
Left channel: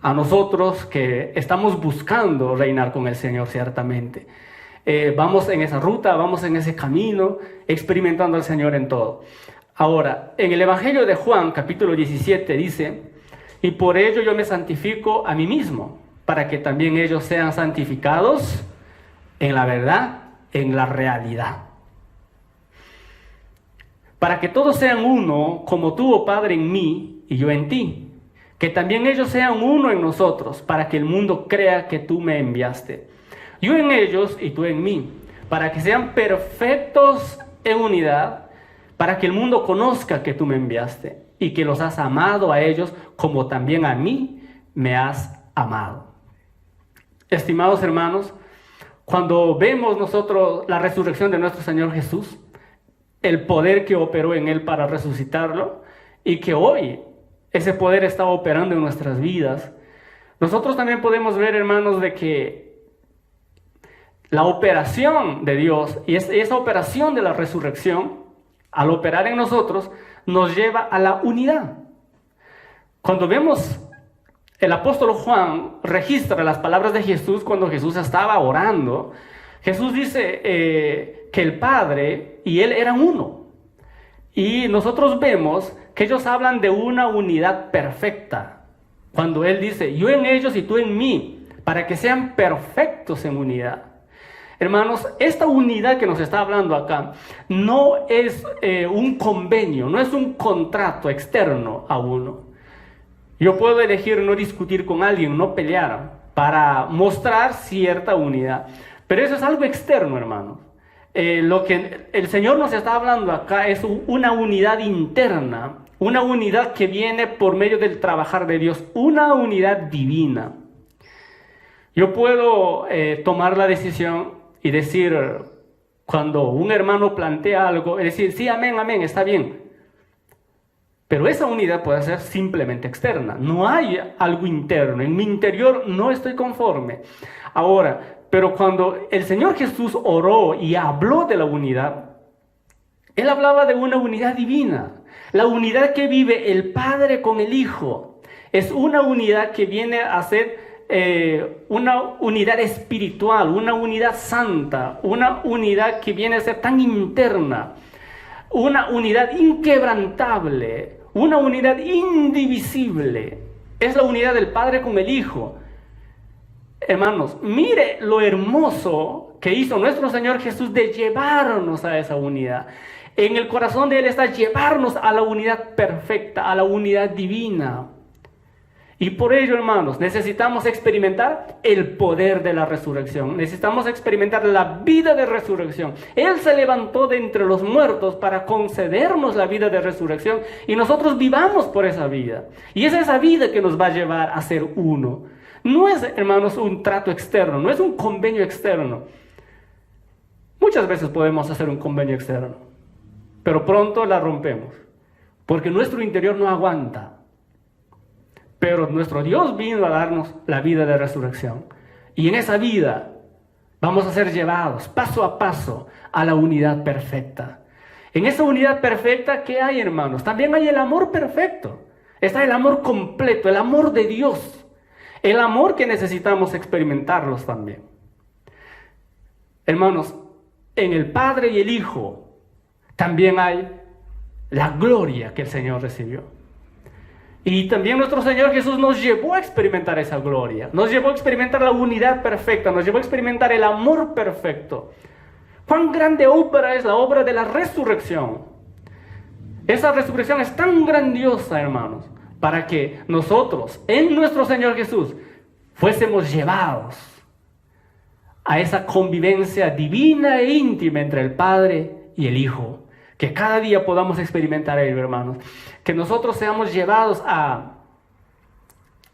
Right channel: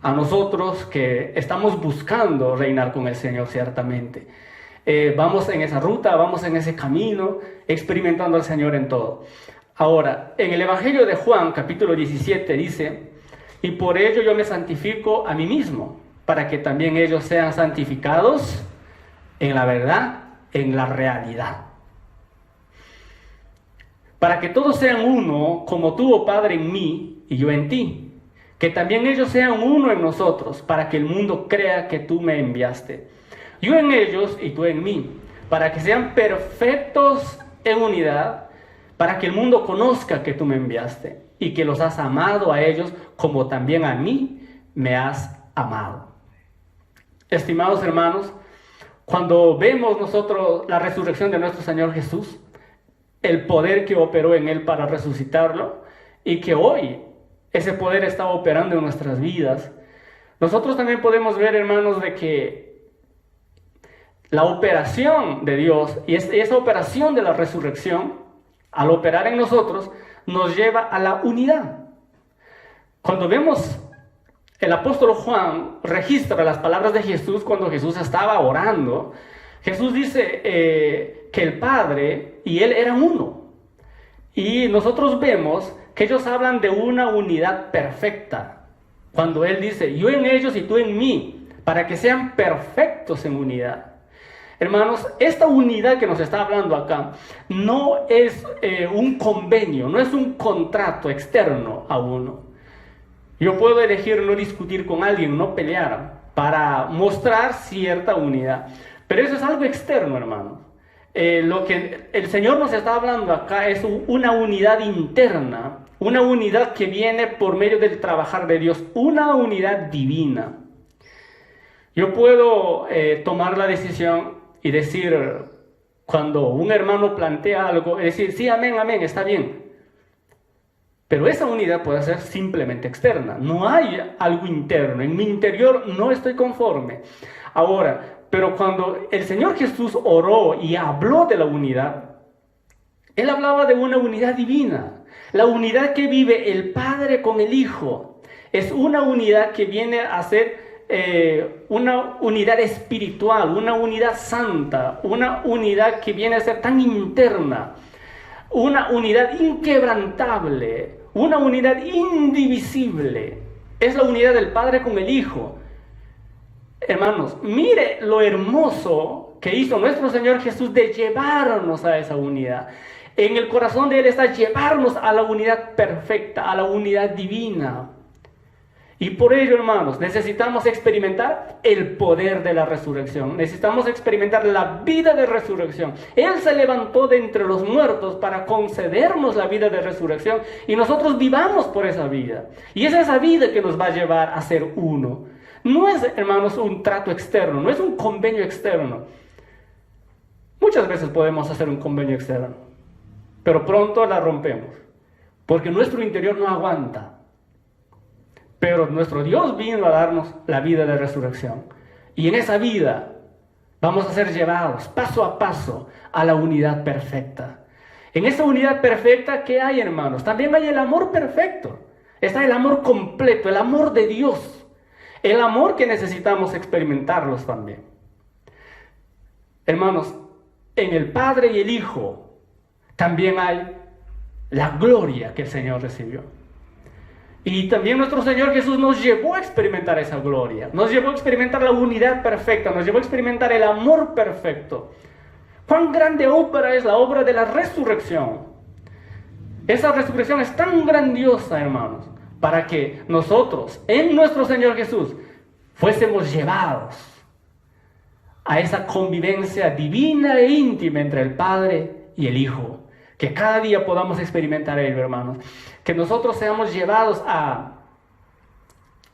a nosotros que estamos buscando reinar con el Señor, ciertamente. Vamos en esa ruta, vamos en ese camino, experimentando al Señor en todo. Ahora, en el Evangelio de Juan, capítulo 17, dice: y por ello yo me santifico a mí mismo, para que también ellos sean santificados en la verdad, en la realidad. Para que todos sean uno, como tú, oh Padre, en mí y yo en ti. Que también ellos sean uno en nosotros, para que el mundo crea que tú me enviaste. Yo en ellos y tú en mí, para que sean perfectos en unidad, para que el mundo conozca que tú me enviaste y que los has amado a ellos como también a mí me has amado. Estimados hermanos, cuando vemos nosotros la resurrección de nuestro Señor Jesús, el poder que operó en Él para resucitarlo, y que hoy ese poder está operando en nuestras vidas, nosotros también podemos ver, hermanos, de que la operación de Dios y esa operación de la resurrección, al operar en nosotros, nos lleva a la unidad. Cuando vemos, el apóstol Juan registra las palabras de Jesús cuando Jesús estaba orando. Jesús dice que el Padre y Él eran uno. Y nosotros vemos que ellos hablan de una unidad perfecta. Cuando Él dice, yo en ellos y tú en mí, para que sean perfectos en unidad. Hermanos, esta unidad que nos está hablando acá no es un convenio, no es un contrato externo a uno. Yo puedo elegir no discutir con alguien, no pelear, para mostrar cierta unidad. Pero eso es algo externo, hermanos. Lo que el Señor nos está hablando acá es una unidad interna, una unidad que viene por medio del trabajar de Dios, una unidad divina. Yo puedo tomar la decisión y decir, cuando un hermano plantea algo, decir, sí, amén, amén, está bien. Pero esa unidad puede ser simplemente externa. No hay algo interno. En mi interior no estoy conforme. Ahora, pero cuando el Señor Jesús oró y habló de la unidad, Él hablaba de una unidad divina. La unidad que vive el Padre con el Hijo. Es una unidad que viene a ser una unidad espiritual, una unidad santa, una unidad que viene a ser tan interna, una unidad inquebrantable, una unidad indivisible. Es la unidad del Padre con el Hijo. Hermanos, mire lo hermoso que hizo nuestro Señor Jesús de llevarnos a esa unidad. En el corazón de Él está llevarnos a la unidad perfecta, a la unidad divina. Y por ello, hermanos, necesitamos experimentar el poder de la resurrección. Necesitamos experimentar la vida de resurrección. Él se levantó de entre los muertos para concedernos la vida de resurrección. Y nosotros vivamos por esa vida. Y es esa vida que nos va a llevar a ser uno. No es, hermanos, un trato externo. No es un convenio externo. Muchas veces podemos hacer un convenio externo. Pero pronto la rompemos. Porque nuestro interior no aguanta. Pero nuestro Dios vino a darnos la vida de resurrección. Y en esa vida vamos a ser llevados paso a paso a la unidad perfecta. En esa unidad perfecta, ¿qué hay, hermanos? También hay el amor perfecto. Está el amor completo, el amor de Dios. El amor que necesitamos experimentarlos también. Hermanos, en el Padre y el Hijo también hay la gloria que el Señor recibió. Y también nuestro Señor Jesús nos llevó a experimentar esa gloria. Nos llevó a experimentar la unidad perfecta. Nos llevó a experimentar el amor perfecto. ¿Cuán grande obra es la obra de la resurrección? Esa resurrección es tan grandiosa, hermanos, para que nosotros, en nuestro Señor Jesús, fuésemos llevados a esa convivencia divina e íntima entre el Padre y el Hijo. Que cada día podamos experimentar ello, hermanos. Que nosotros seamos llevados a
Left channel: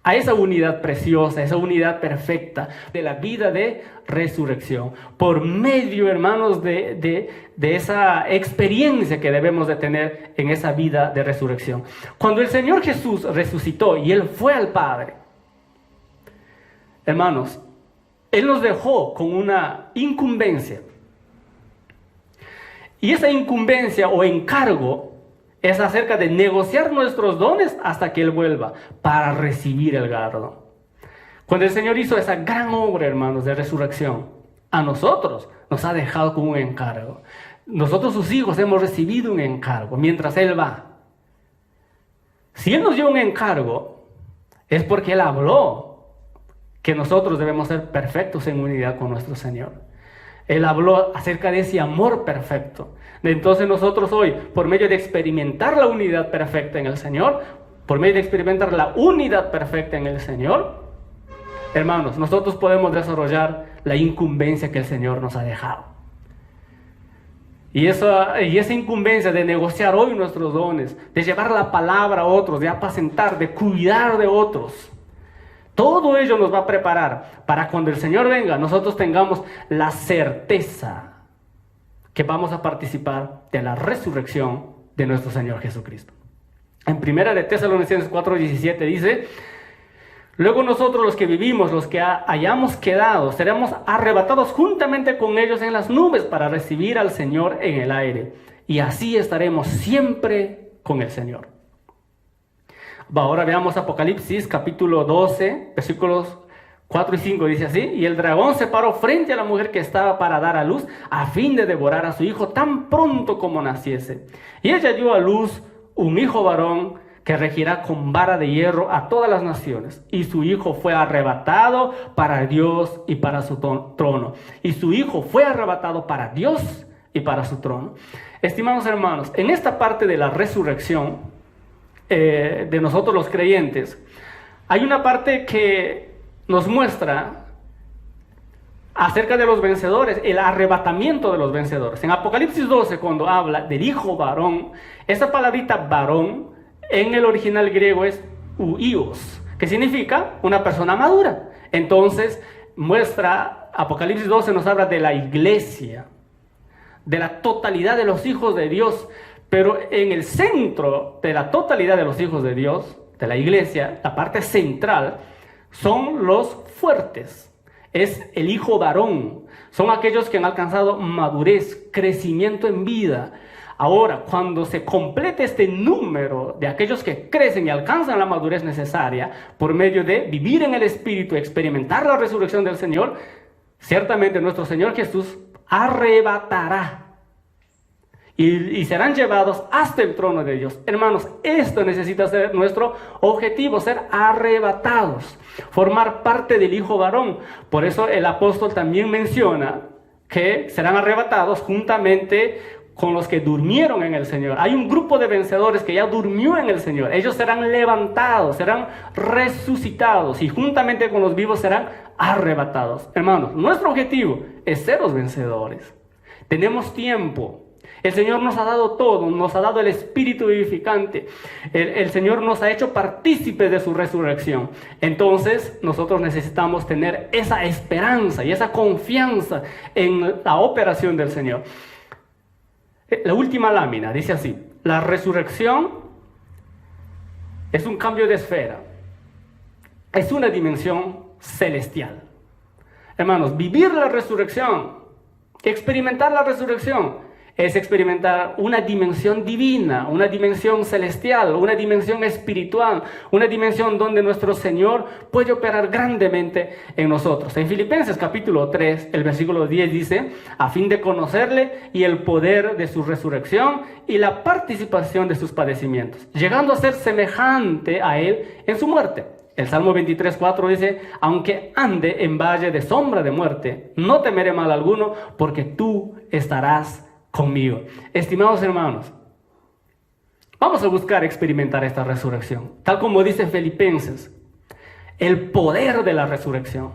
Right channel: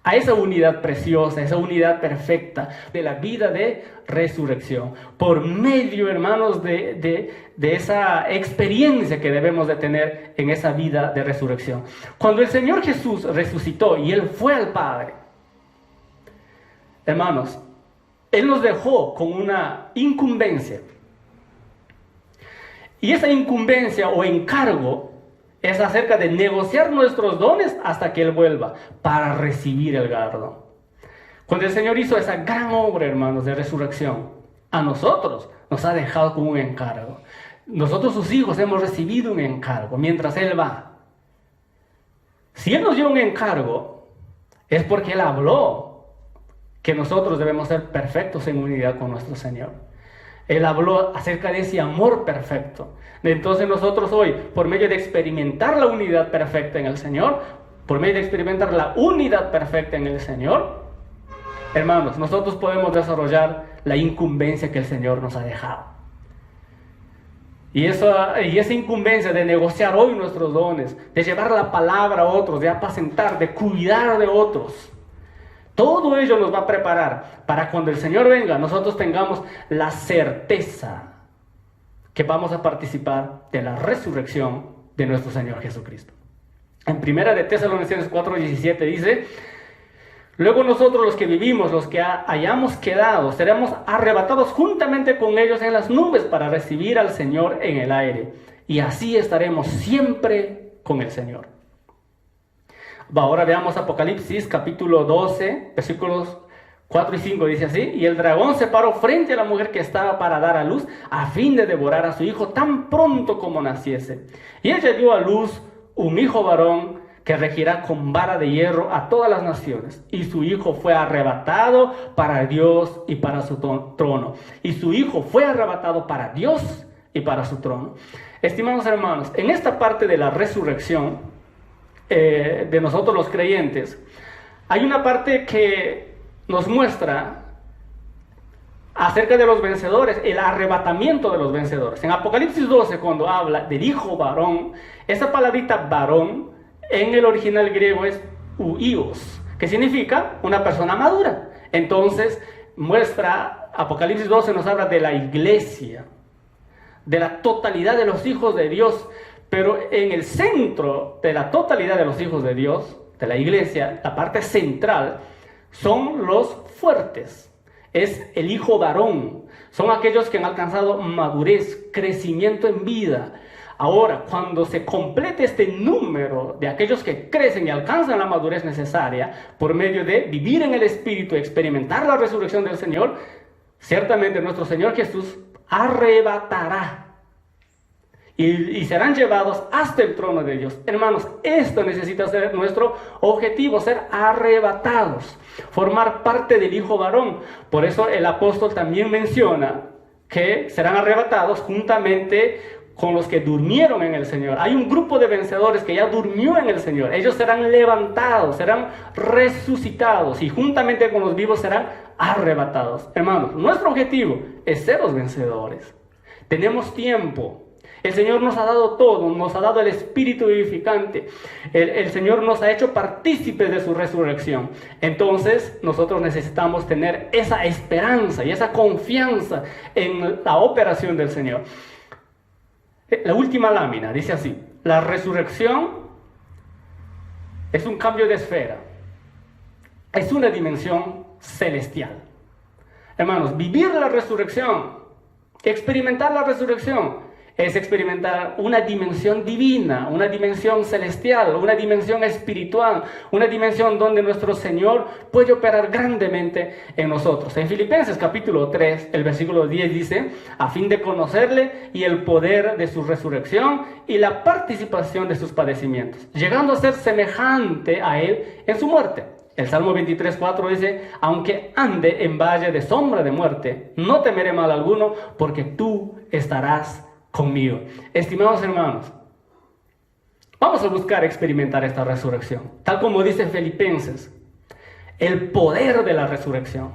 a esa unidad preciosa, esa unidad perfecta de la vida de resurrección, por medio, hermanos, de esa experiencia que debemos de tener en esa vida de resurrección. Cuando el Señor Jesús resucitó y Él fue al Padre, hermanos, Él nos dejó con una incumbencia. Y esa incumbencia o encargo es acerca de negociar nuestros dones hasta que Él vuelva para recibir el galardón. Cuando el Señor hizo esa gran obra, hermanos, de resurrección, a nosotros nos ha dejado con un encargo. Nosotros, sus hijos, hemos recibido un encargo mientras Él va. Si Él nos dio un encargo, es porque Él habló que nosotros debemos ser perfectos en unidad con nuestro Señor. Él habló acerca de ese amor perfecto. Entonces nosotros hoy, por medio de experimentar la unidad perfecta en el Señor, por medio de experimentar la unidad perfecta en el Señor, hermanos, nosotros podemos desarrollar la incumbencia que el Señor nos ha dejado. Y esa incumbencia de negociar hoy nuestros dones, de llevar la palabra a otros, de apacentar, de cuidar de otros, todo ello nos va a preparar para cuando el Señor venga, nosotros tengamos la certeza que vamos a participar de la resurrección de nuestro Señor Jesucristo. En 1 Tesalonicenses 4:17 dice: luego nosotros los que vivimos, los que hayamos quedado, seremos arrebatados juntamente con ellos en las nubes para recibir al Señor en el aire. Y así estaremos siempre con el Señor. Ahora veamos Apocalipsis capítulo 12, versículos 4 y 5, dice así: y el dragón se paró frente a la mujer que estaba para dar a luz, a fin de devorar a su hijo tan pronto como naciese. Y ella dio a luz un hijo varón, que regirá con vara de hierro a todas las naciones. Y su hijo fue arrebatado para Dios y para su trono. Y su hijo fue arrebatado para Dios y para su trono. Estimados hermanos, en esta parte de la resurrección de nosotros los creyentes, hay una parte que nos muestra acerca de los vencedores, el arrebatamiento de los vencedores. En Apocalipsis 12, cuando habla del hijo varón, esa palabrita varón en el original griego es huios, que significa una persona madura. Entonces muestra, Apocalipsis 12 nos habla de la iglesia, de la totalidad de los hijos de Dios, pero en el centro de la totalidad de los hijos de Dios, de la iglesia, la parte central, son los fuertes. Es el hijo varón. Son aquellos que han alcanzado madurez, crecimiento en vida. Ahora, cuando se complete este número de aquellos que crecen y alcanzan la madurez necesaria por medio de vivir en el Espíritu, experimentar la resurrección del Señor, ciertamente nuestro Señor Jesús arrebatará y serán llevados hasta el trono de Dios. Hermanos, esto necesita ser nuestro objetivo, ser arrebatados, formar parte del hijo varón. Por eso el apóstol también menciona que serán arrebatados juntamente con los que durmieron en el Señor. Hay un grupo de vencedores que ya durmió en el Señor. Ellos serán levantados, serán resucitados y juntamente con los vivos serán arrebatados. Hermanos, nuestro objetivo es ser los vencedores. Tenemos tiempo. El Señor nos ha dado todo, nos ha dado el Espíritu vivificante. El Señor nos ha hecho partícipes de su resurrección. Entonces, nosotros necesitamos tener esa esperanza y esa confianza en la operación del Señor. La última lámina dice así: la resurrección es un cambio de esfera, es una dimensión celestial. Hermanos, vivir la resurrección, experimentar la resurrección, es experimentar una dimensión divina, una dimensión celestial, una dimensión espiritual, una dimensión donde nuestro Señor puede operar grandemente en nosotros. En Filipenses capítulo 3, el versículo 10 dice: a fin de conocerle y el poder de su resurrección y la participación de sus padecimientos, llegando a ser semejante a él en su muerte. El Salmo 23:4 dice: aunque ande en valle de sombra de muerte, no temeré mal alguno, porque tú estarás conmigo. Estimados hermanos, vamos a buscar experimentar esta resurrección, tal como dice Filipenses, el poder de la resurrección.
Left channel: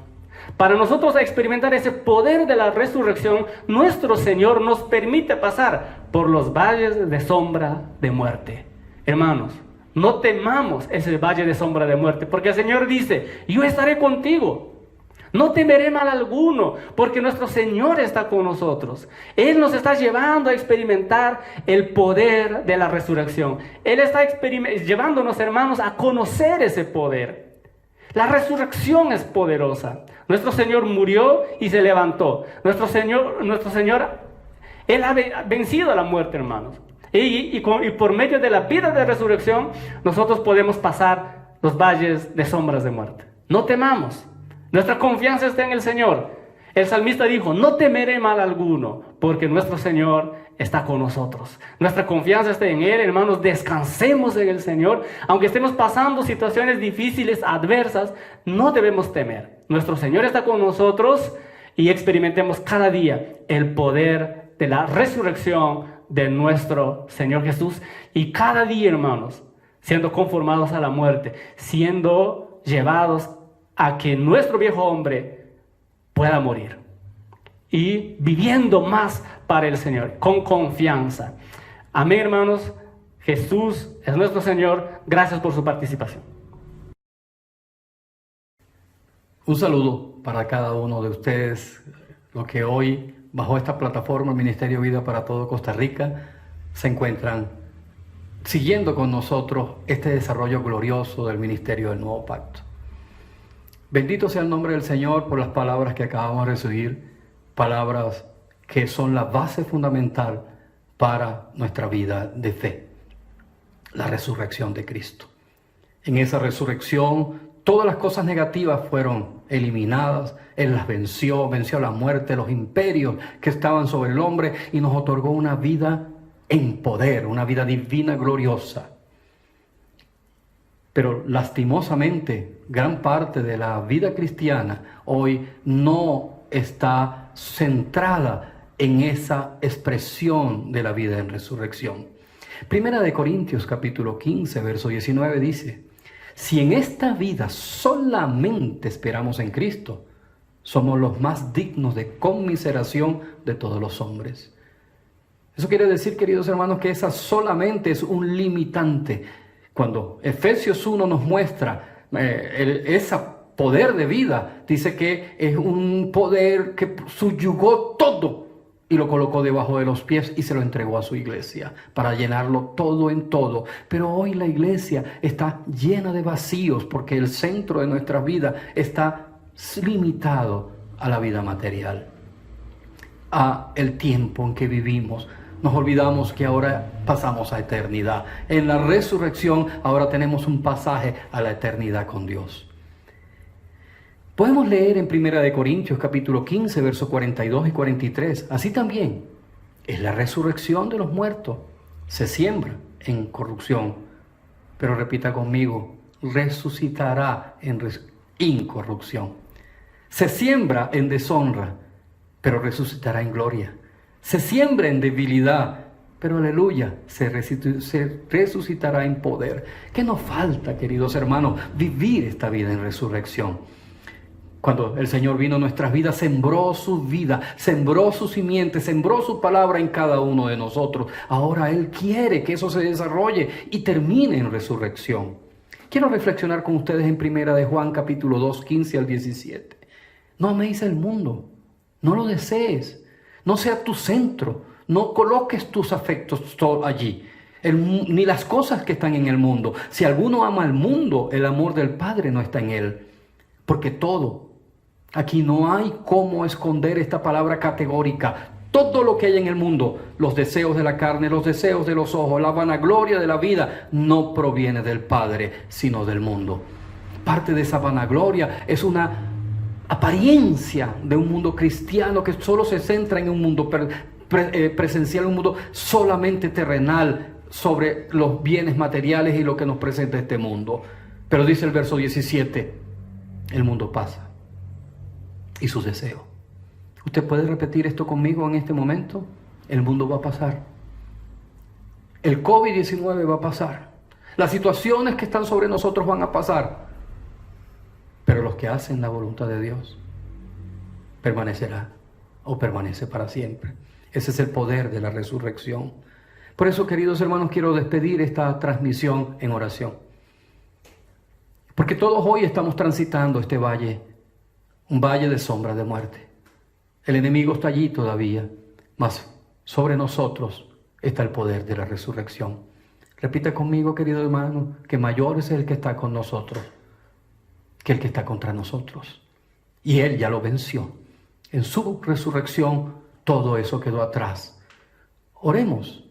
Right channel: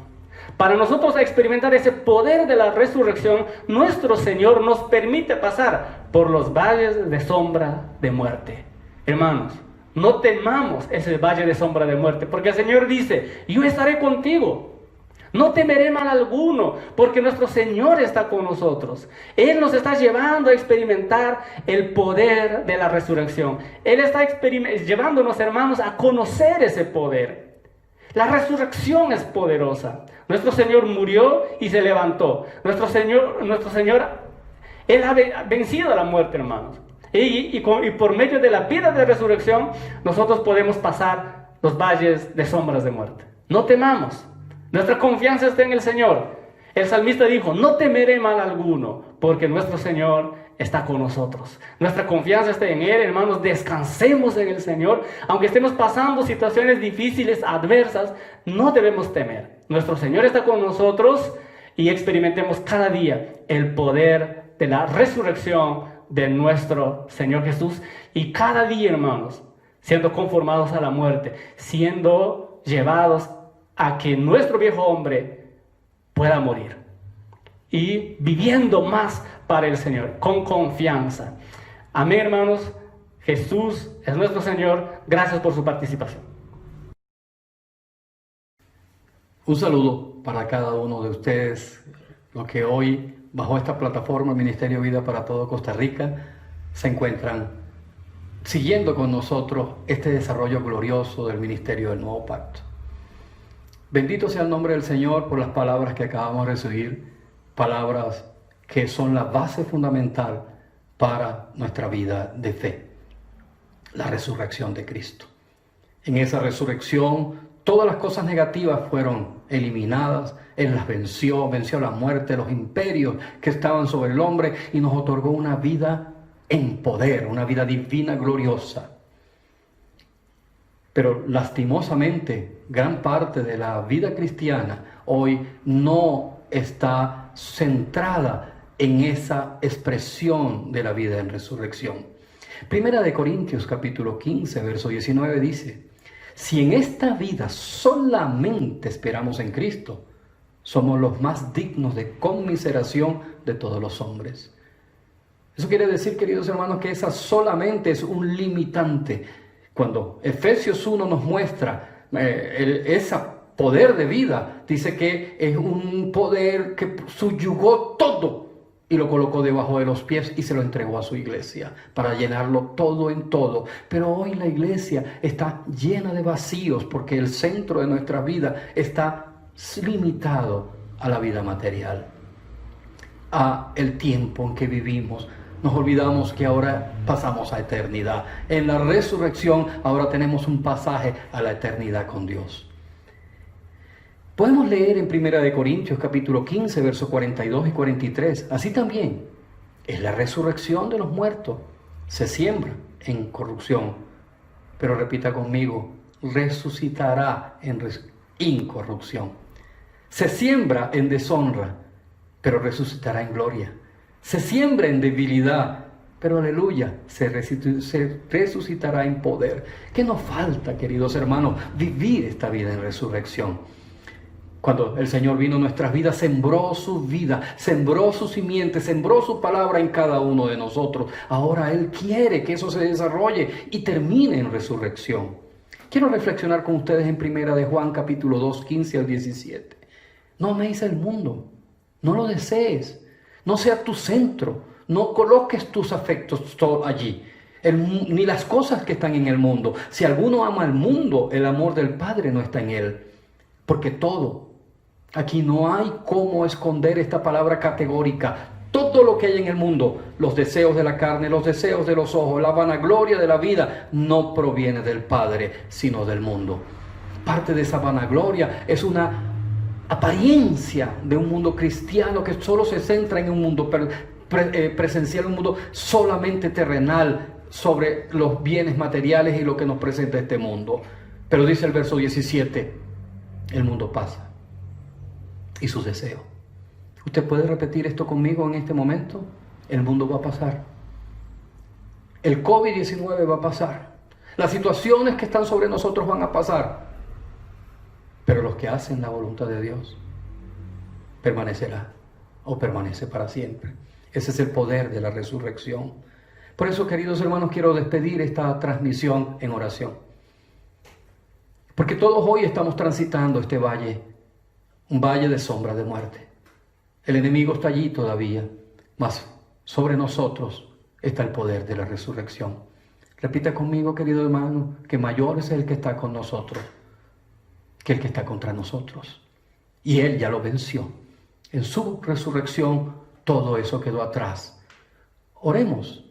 Para nosotros experimentar ese poder de la resurrección, nuestro Señor nos permite pasar por los valles de sombra de muerte. Hermanos, No temamos ese valle de sombra de muerte, porque el Señor dice, yo estaré contigo. No temeré mal alguno, porque nuestro Señor está con nosotros. Él nos está llevando a experimentar el poder de la resurrección. Él está llevándonos, hermanos, a conocer ese poder. La resurrección es poderosa. Nuestro Señor murió y se levantó. Nuestro Señor, Él ha vencido a la muerte, hermanos. Y por medio de la vida de resurrección, nosotros podemos pasar los valles de sombras de muerte. No temamos. Nuestra confianza está en el Señor. El salmista dijo, no temeré mal alguno, porque nuestro Señor está con nosotros. Nuestra confianza está en Él, hermanos. Descansemos en el Señor. Aunque estemos pasando situaciones difíciles, adversas, no debemos temer. Nuestro Señor está con nosotros y experimentemos cada día el poder de la resurrección de nuestro Señor Jesús. Y cada día, hermanos, siendo conformados a la muerte, siendo llevados a que nuestro viejo hombre pueda morir y viviendo más para el Señor, con confianza. Amén, hermanos. Jesús es nuestro Señor. Gracias por su participación. Un saludo para cada uno de ustedes, los que hoy, bajo esta plataforma Ministerio Vida para todo Costa Rica, se encuentran siguiendo con nosotros este desarrollo glorioso del Ministerio del Nuevo Pacto. Bendito sea el nombre del Señor por las palabras que acabamos de recibir, palabras que son la base fundamental para nuestra vida de fe, la resurrección de Cristo. En esa resurrección, todas las cosas negativas fueron eliminadas, Él las venció la muerte, los imperios que estaban sobre el hombre y nos otorgó una vida en poder, una vida divina gloriosa. Pero lastimosamente, gran parte de la vida cristiana hoy no está centrada en esa expresión de la vida en resurrección. Primera de Corintios capítulo 15, verso 19 dice, si en esta vida solamente esperamos en Cristo, somos los más dignos de conmiseración de todos los hombres. Eso quiere decir, queridos hermanos, que esa solamente es un limitante. Cuando Efesios 1 nos muestra ese poder de vida, dice que es un poder que subyugó todo y lo colocó debajo de los pies y se lo entregó a su iglesia para llenarlo todo en todo. Pero hoy la iglesia está llena de vacíos porque el centro de nuestra vida está limitado a la vida material, a el tiempo en que vivimos. Nos olvidamos que ahora pasamos a eternidad. En la resurrección ahora tenemos un pasaje a la eternidad con Dios. Podemos leer en 1 Corintios capítulo 15, versos 42 y 43. Así también es la resurrección de los muertos. Se siembra en corrupción, pero repita conmigo, resucitará en incorrupción. Se siembra en deshonra, pero resucitará en gloria. Se siembra en debilidad, pero aleluya, se resucitará en poder. ¿Qué nos falta, queridos hermanos? Vivir esta vida en resurrección. Cuando el Señor vino a nuestras vidas, sembró su vida, sembró su simiente, sembró su palabra en cada uno de nosotros. Ahora Él quiere que eso se desarrolle y termine en resurrección. Quiero reflexionar con ustedes en 1 de Juan capítulo 2, 15 al 17. No améis el mundo, no lo desees. No sea tu centro, no coloques tus afectos allí, ni las cosas que están en el mundo. Si alguno ama al mundo, el amor del Padre no está en él. Porque todo, aquí no hay cómo esconder esta palabra categórica. Todo lo que hay en el mundo, los deseos de la carne, los deseos de los ojos, la vanagloria de la vida, no proviene del Padre, sino del mundo. Parte de esa vanagloria es una apariencia de un mundo cristiano que solo se centra en un mundo presencial, un mundo solamente terrenal sobre los bienes materiales y lo que nos presenta este mundo. Pero dice el verso 17, el mundo pasa y sus deseos. ¿Usted puede repetir esto conmigo en este momento? El mundo va a pasar. El COVID-19 va a pasar. Las situaciones que están sobre nosotros van a pasar. Pero los que hacen la voluntad de Dios permanecerá o permanece para siempre. Ese es el poder de la resurrección. Por eso, queridos hermanos, quiero despedir esta transmisión en oración. Porque todos hoy estamos transitando este valle, un valle de sombra de muerte. El enemigo está allí todavía, mas sobre nosotros está el poder de la resurrección. Repita conmigo, querido hermano, que mayor es el que está con nosotros que el que está contra nosotros. Y Él ya lo venció. En su resurrección todo eso quedó atrás. Oremos.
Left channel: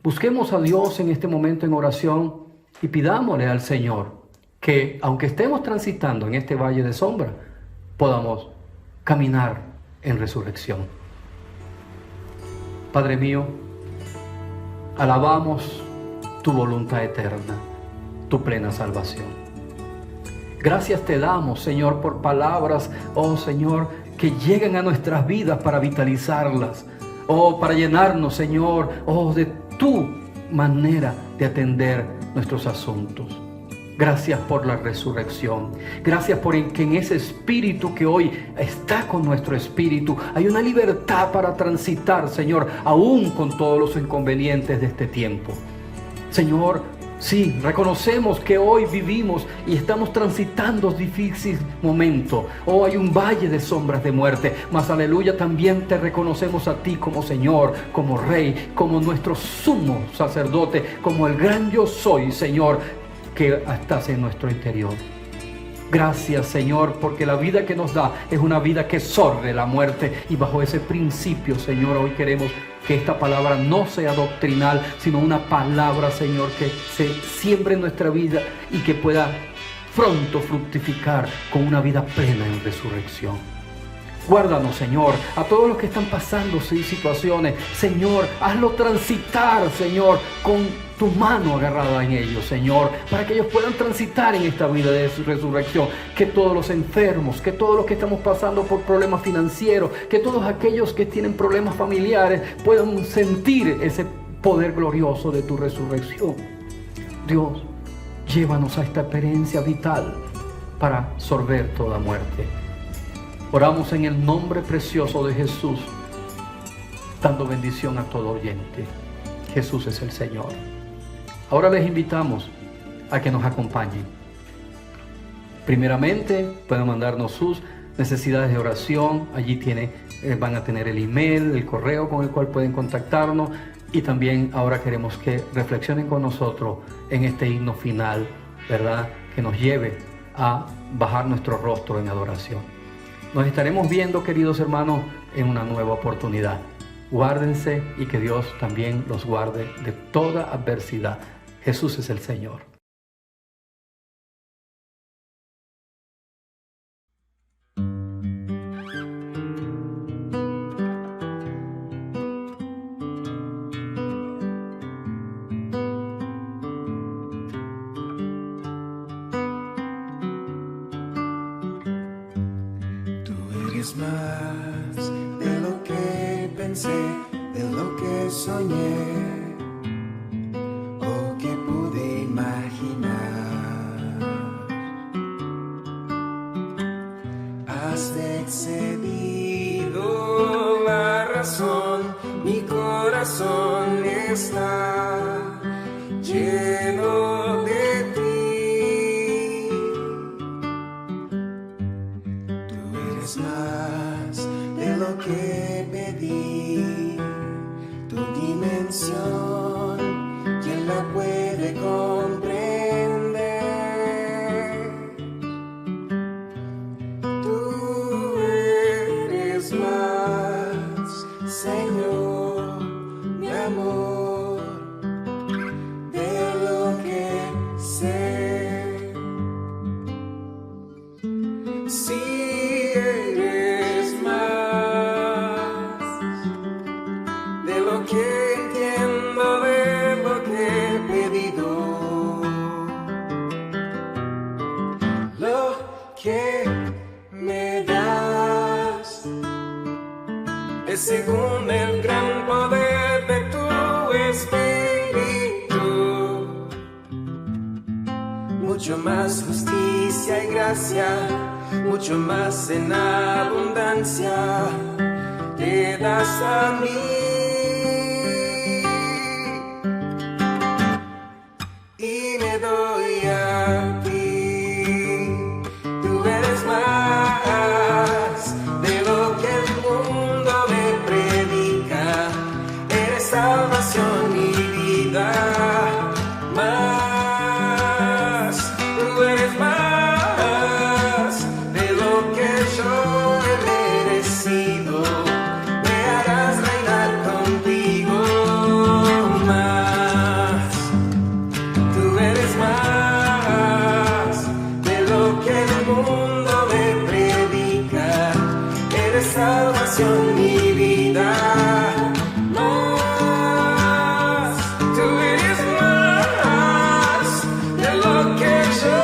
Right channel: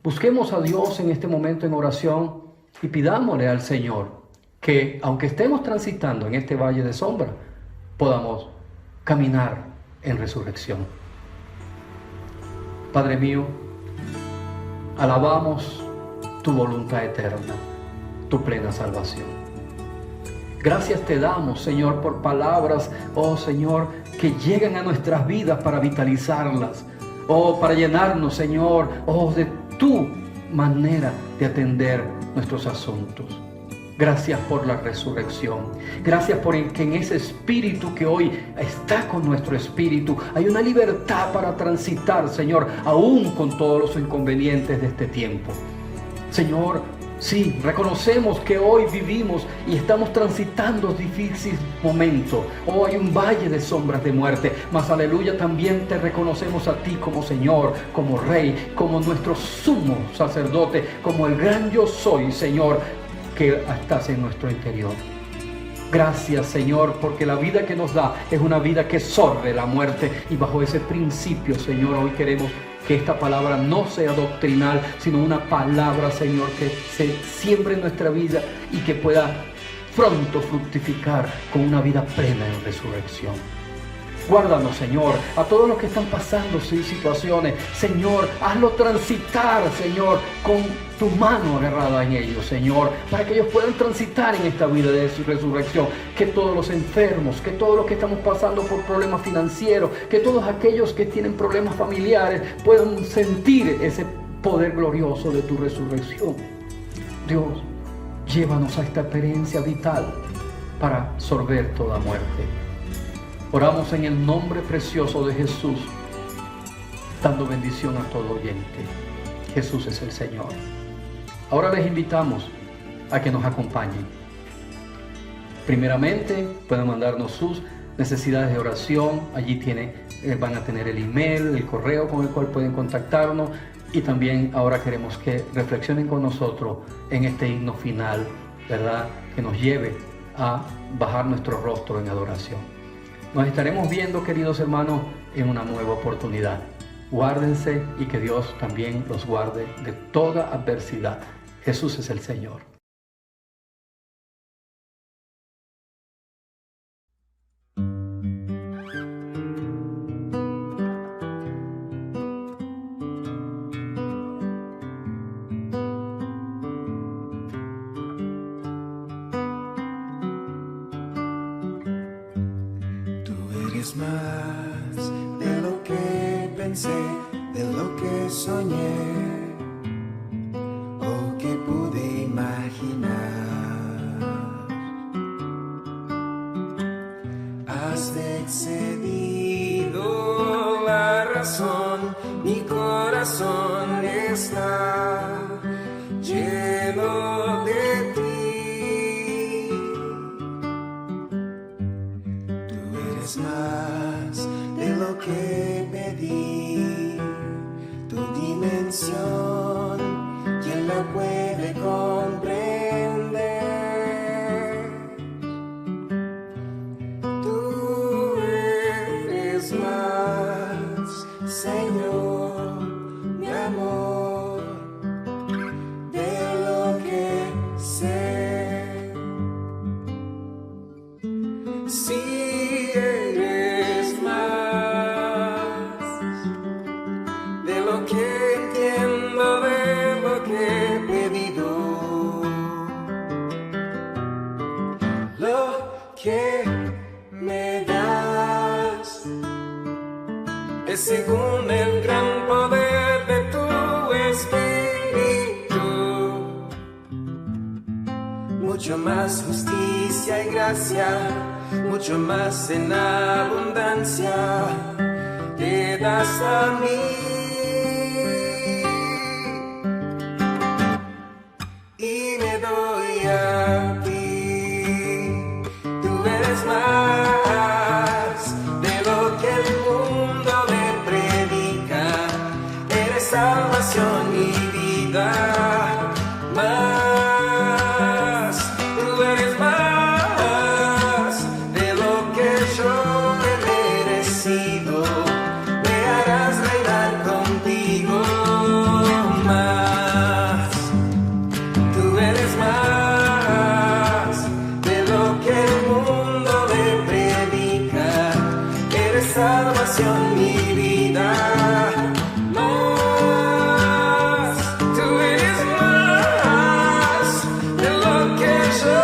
Busquemos a Dios en este momento en oración y pidámosle al Señor que, aunque estemos transitando en este valle de sombra, podamos caminar en resurrección. Padre mío, alabamos tu voluntad eterna, tu plena salvación. Gracias te damos, Señor, por palabras, oh Señor, que llegan a nuestras vidas para vitalizarlas, oh, para llenarnos, Señor, oh, de tu manera de atender nuestros asuntos. Gracias por la resurrección. Gracias por que en ese espíritu que hoy está con nuestro espíritu hay una libertad para transitar, Señor, aún con todos los inconvenientes de este tiempo. Señor, sí, reconocemos que hoy vivimos y estamos transitando difíciles momentos. Oh, hay un valle de sombras de muerte, mas aleluya, también te reconocemos a ti como Señor, como Rey, como nuestro sumo sacerdote, como el gran yo soy, Señor, que estás en nuestro interior. Gracias, Señor, porque la vida que nos da es una vida que sorbe la muerte, y bajo ese principio, Señor, hoy queremos que esta palabra no sea doctrinal, sino una palabra, Señor, que se siembre en nuestra vida y que pueda pronto fructificar con una vida plena en resurrección. Guárdanos, Señor, a todos los que están pasando situaciones. Señor, hazlo transitar, Señor, con tu mano agarrada en ellos, Señor, para que ellos puedan transitar en esta vida de su resurrección. Que todos los enfermos, que todos los que estamos pasando por problemas financieros, que todos aquellos que tienen problemas familiares puedan sentir ese poder glorioso de tu resurrección. Dios, llévanos a esta experiencia vital para sorber toda muerte. Oramos en el nombre precioso de Jesús, dando bendición a todo oyente. Jesús es el Señor. Ahora les invitamos a que nos acompañen. Primeramente, pueden mandarnos sus necesidades de oración. Allí van a tener el email, el correo con el cual pueden contactarnos. Y también ahora queremos que reflexionen con nosotros en este himno final, ¿verdad? Que nos lleve a bajar nuestro rostro en adoración. Nos estaremos viendo, queridos hermanos, en una nueva oportunidad. Guárdense y que Dios también los guarde de toda adversidad. Jesús es el Señor. Es más de lo que pensé, de lo que soñé o que pude imaginar. Has excedido la razón, mi corazón está lleno de ti. Más de lo que pedí, tu dimensión, ¿quién la puede comprender? Tú eres más, Señor, mi amor, de lo que sé. Sí, que entiendo, de lo que he pedido, lo que me das es según el gran poder de tu espíritu, mucho más justicia y gracia, mucho más en abundancia te das a mí. a ti. Tú eres más de lo que el mundo me predica. Eres salvación y vida. Más, tú eres más de lo que yo he merecido. Me harás reinar contigo. Más, tú eres más de lo que el mundo me predica. Eres salvación y vida. Más, tú eres más de lo que yo